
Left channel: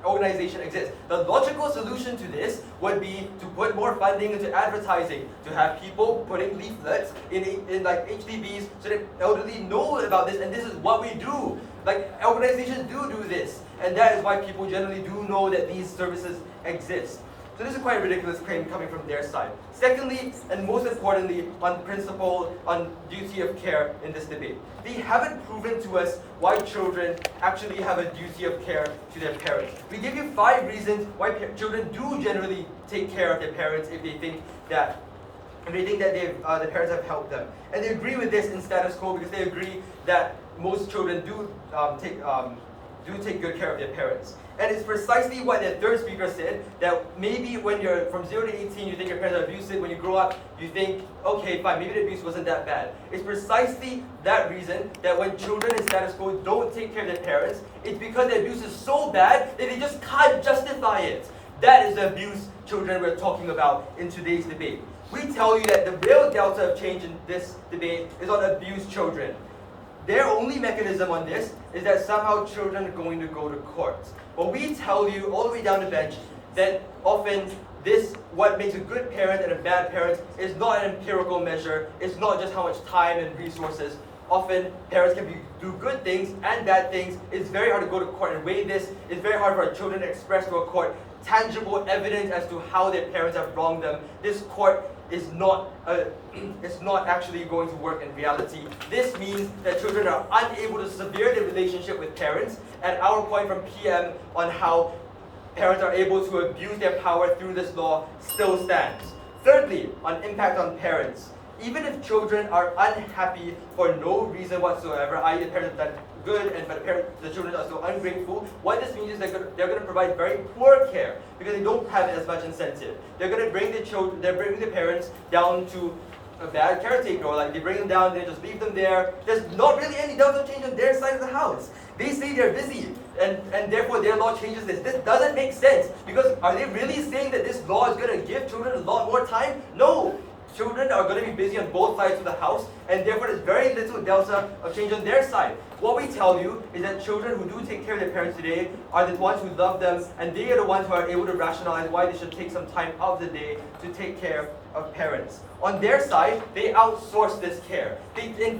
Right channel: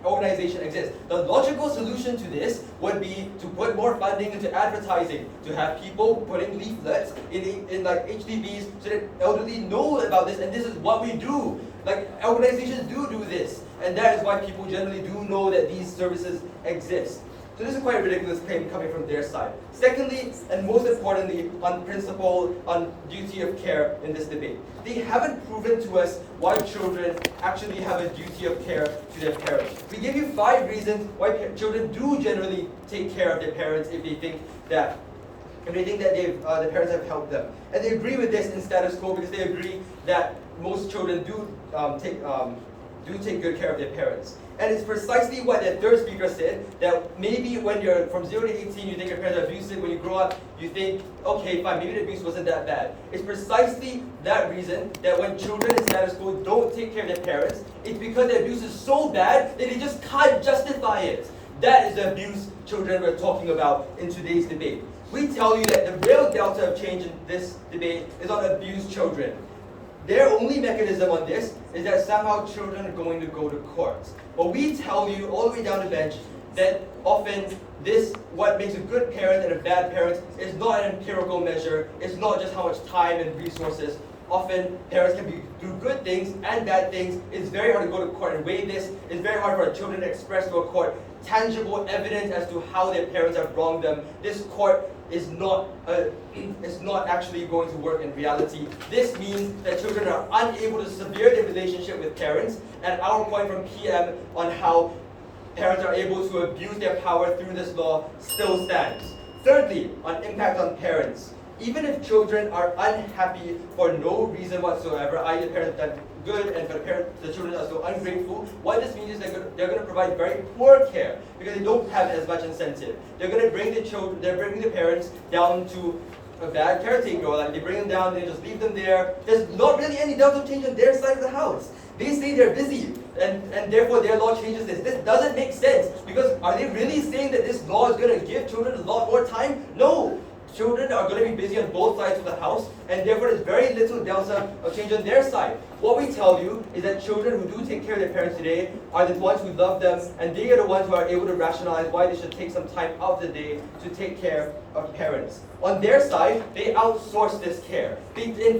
organization exists. The logical solution to this would be to put more funding into advertising, to have people putting leaflets in like HDBs so that elderly know about this, and this is what we do. Like, organizations do this, and that is why people generally do know that these services exist. So this is quite a ridiculous claim coming from their side. Secondly, and most importantly, on principle, on duty of care in this debate. They haven't proven to us why children actually have a duty of care to their parents. We give you 5 reasons why children do generally take care of their parents if they think that the parents have helped them. And they agree with this in status quo because they agree that most children do take good care of their parents. And it's precisely what the third speaker said, that maybe when you're from 0 to 18, you think your parents are abusive. When you grow up, you think, okay, fine, maybe the abuse wasn't that bad. It's precisely that reason that when children in status quo don't take care of their parents, it's because the abuse is so bad that they just can't justify it. That is the abuse children we're talking about in today's debate. We tell you that the real delta of change in this debate is on abused children. Their only mechanism on this is that somehow children are going to go to court. But we tell you all the way down the bench that often what makes a good parent and a bad parent is not an empirical measure. It's not just how much time and resources. Often parents can do good things and bad things. It's very hard to go to court and weigh this. It's very hard for children to express to a court tangible evidence as to how their parents have wronged them. This court is not actually going to work in reality. This means that children are unable to sever their relationship with parents, and our point from PM on how parents are able to abuse their power through this law still stands. Thirdly, on impact on parents. Even if children are unhappy for no reason whatsoever, i.e. the parents have done good but the children are so ungrateful, what this means is they're going to provide very poor care because they don't have as much incentive. They're going to bring they're bringing the parents down to a bad caretaker, like they bring them down, they just leave them there. There's not really any delta change on their side of the house. They say they're busy, and therefore their law changes this. This doesn't make sense, because are they really saying that this law is going to give children a lot more time? No! Children are going to be busy on both sides of the house, and therefore there's very little delta of change on their side. What we tell you is that children who do take care of their parents today are the ones who love them, and they are the ones who are able to rationalize why they should take some time out of the day to take care of parents. On their side, they outsource this care.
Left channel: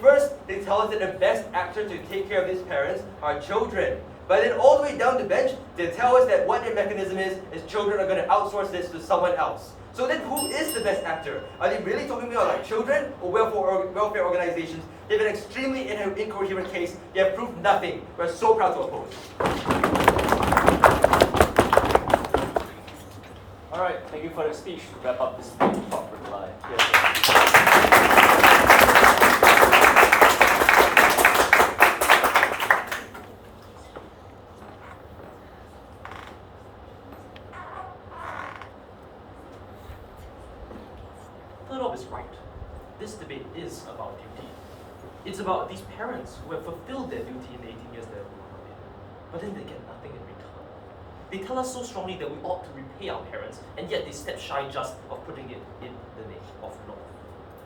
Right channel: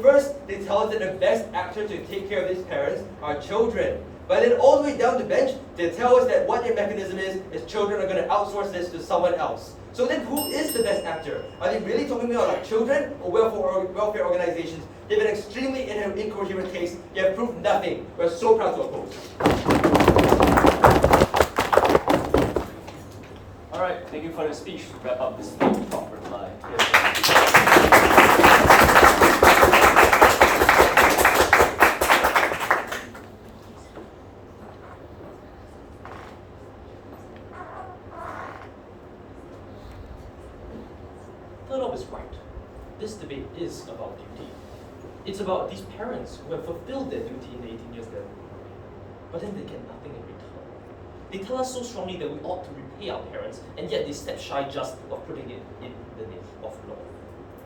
First, they tell us that the best actors to take care of these parents are children. But then all the way down the bench, they tell us that what their mechanism is children are going to outsource this to someone else. So then who is the best actor? Are they really talking about like children or welfare organizations? They have an extremely incoherent case. They have proved nothing. We're so proud to oppose. All right, thank you for the speech. To wrap up this talk for tonight. Third is right. This debate is about duty. It's about these parents who have fulfilled their duty in the 18 years they've been away, but then they get nothing in return. They tell us so strongly that we ought to repay our parents, and yet they step shy just of putting it in the name of law.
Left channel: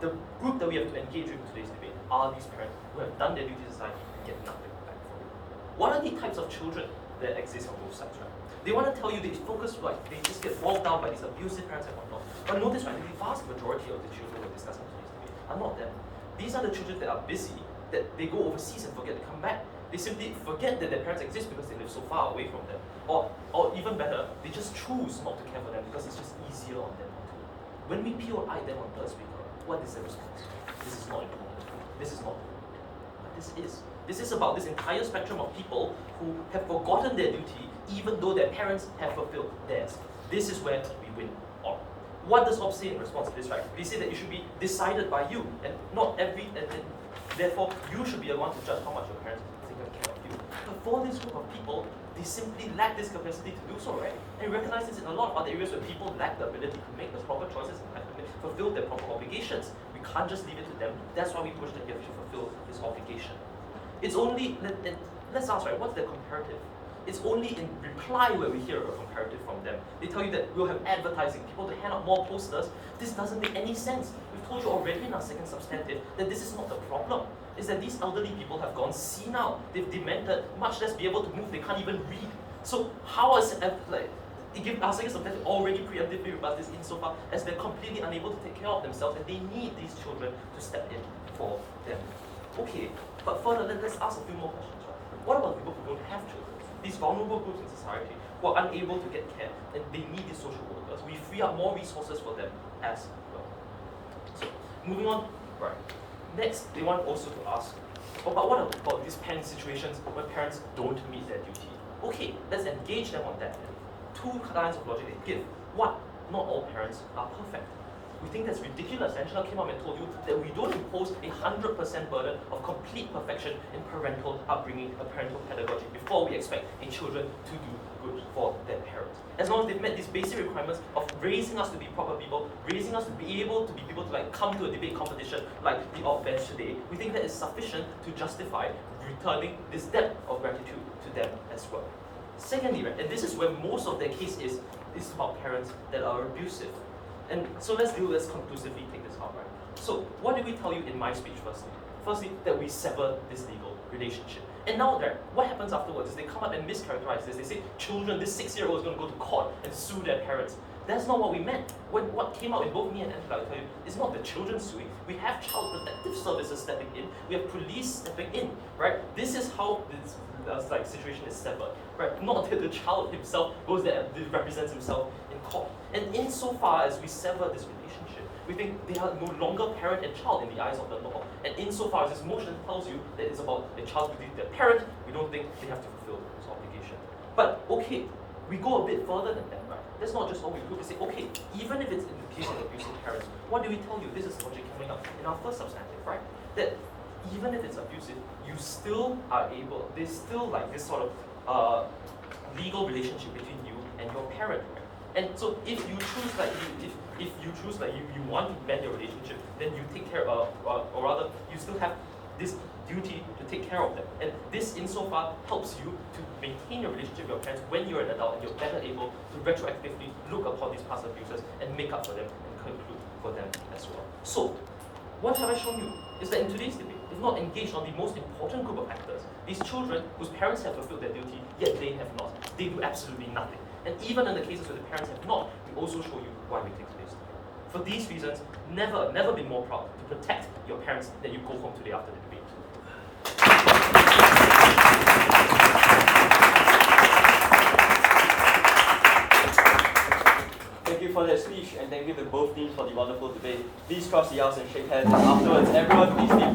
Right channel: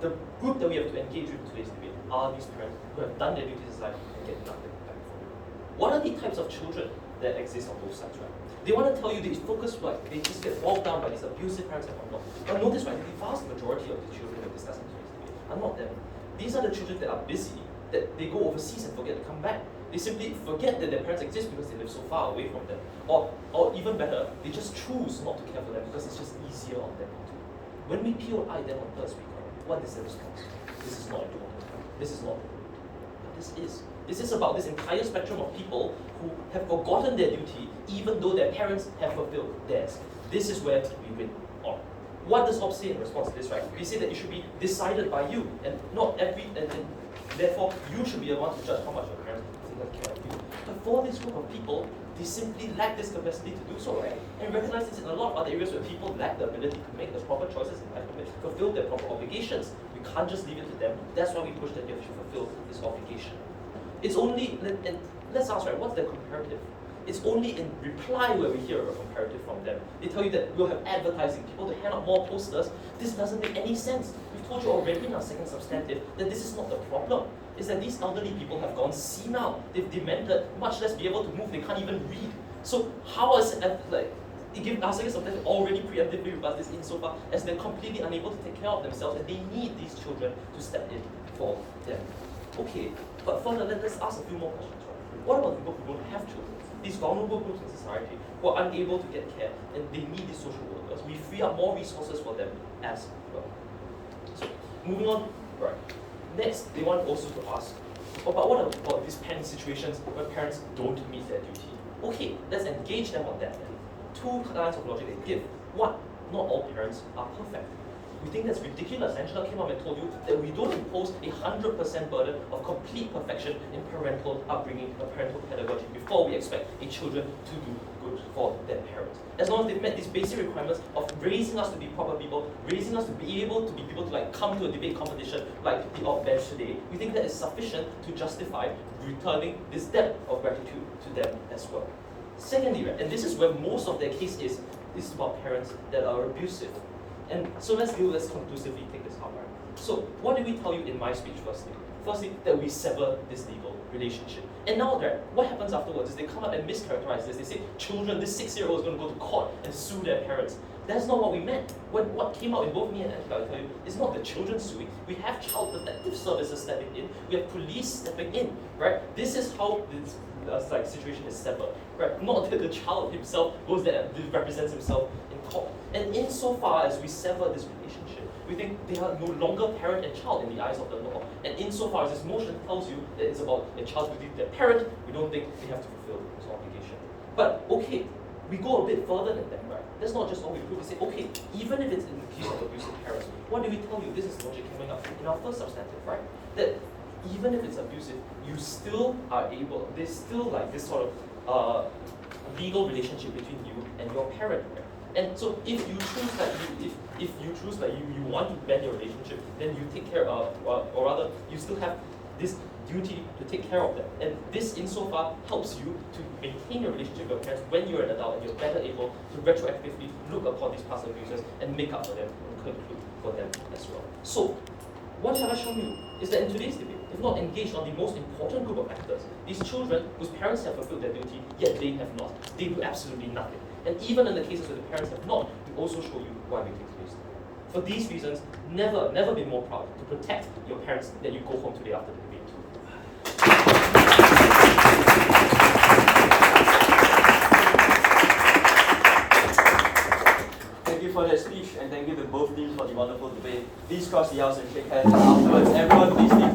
The group that we have to engage with in today's debate are these parents who have done their duty to society and get nothing back from it. What are the types of children that exist on both sides, right? They want to tell you they focus, like, they just get bogged down by these abusive parents and whatnot. But notice, right, the vast majority of the children we're discussing in today's debate are not them. These are the children that are busy, that they go overseas and forget to come back. They simply forget that their parents exist because they live so far away from them. Or even better, they just choose not to care for them because it's just easier on them too. When we POI them on third speaker, what is their response? This is not important. This is not the duty. But this is. This is about this entire spectrum of people who have forgotten their duty even though their parents have fulfilled theirs. This is where we win on. What does Hobbes say in response to this, right? They say that it should be decided by you, and not every, and therefore you should be the one to judge how much your parents think of care of you. But for this group of people, they simply lack this capacity to do so, right? And we recognize this in a lot of other areas where people lack the ability to make the proper choices in life and fulfill their proper obligations. We can't just leave it to them. That's why we push that you have to fulfill this obligation. It's only, and let's ask, right, what's their comparative? It's only in reply where we hear a comparative from them. They tell you that we'll have advertising, people to hand out more posters. This doesn't make any sense. We've told you already in our second substantive that this is not the problem. It's that these elderly people have gone senile. They've demented, much less be able to move. They can't even read. So how is it, like, our second substantive already preemptively rebuts this insofar as they're completely unable to take care of themselves, and they need these children to step in for them. Okay, but further, let's ask a few more questions. Right? What about people who don't have children? These vulnerable groups in society who are unable to get care, and they need these social workers. We free up more resources for them as well. So, moving on, right. Next, they want also to ask, but what about these parent situations where parents don't meet their duty? Okay, let's engage them on that then. Two lines of logic they give. One, not all parents are perfect. We think that's ridiculous. Angela came up and told you that we don't impose 100% burden of complete perfection in parental upbringing, parental pedagogy, before we expect a children to do good for their parents. As long as they've met these basic requirements of raising us to be proper people, raising us to be able to like come to a debate competition like the odd bench today, we think that is sufficient to justify returning this debt of gratitude to them as well. Secondly, right, and this is where most of their case is about parents that are abusive. And so let's conclusively take this out, right? So what did we tell you in my speech firstly? Firstly, that we sever this legal relationship. And now, right, what happens afterwards is they come up and mischaracterize this. They say, children, this 6-year-old is going to go to court and sue their parents. That's not what we meant. What came out in both me and Angela, I tell you, is not the children suing. We have child protective services stepping in. We have police stepping in, right? This is how this situation is severed, right? Not that the child himself goes there and represents himself in court. And insofar as we sever this relationship, we think they are no longer parent and child in the eyes of the law. And insofar as this motion tells you that it's about a child's duty to their parent, we don't think they have to fulfill this obligation. But okay, we go a bit further than that, right? That's not just all we prove. We say, okay, even if it's in the case of abusive parents, what do we tell you? This is logic coming up in our first substantive, right? That even if it's abusive, you still are able, there's still like this sort of legal relationship between you and your parent, right? And so if you choose like if you choose like you want to mend your relationship, then you take care of, or rather you still have this duty to take care of them. And this insofar helps you to maintain your relationship with your parents when you're an adult and you're better able to retroactively look upon these past abuses and make up for them and conclude for them as well. So, what have I shown you is that in today's debate, we've not engaged on the most important group of actors, these children whose parents have fulfilled their duty, yet they have not. They do absolutely nothing. And even in the cases where the parents have not, we also show you why we take today's debate. For these reasons, never been more proud to protect your parents that you go home today after the debate. Thank you for that speech, and thank you to both teams for the wonderful debate. Please cross the aisles and shake hands afterwards. Everyone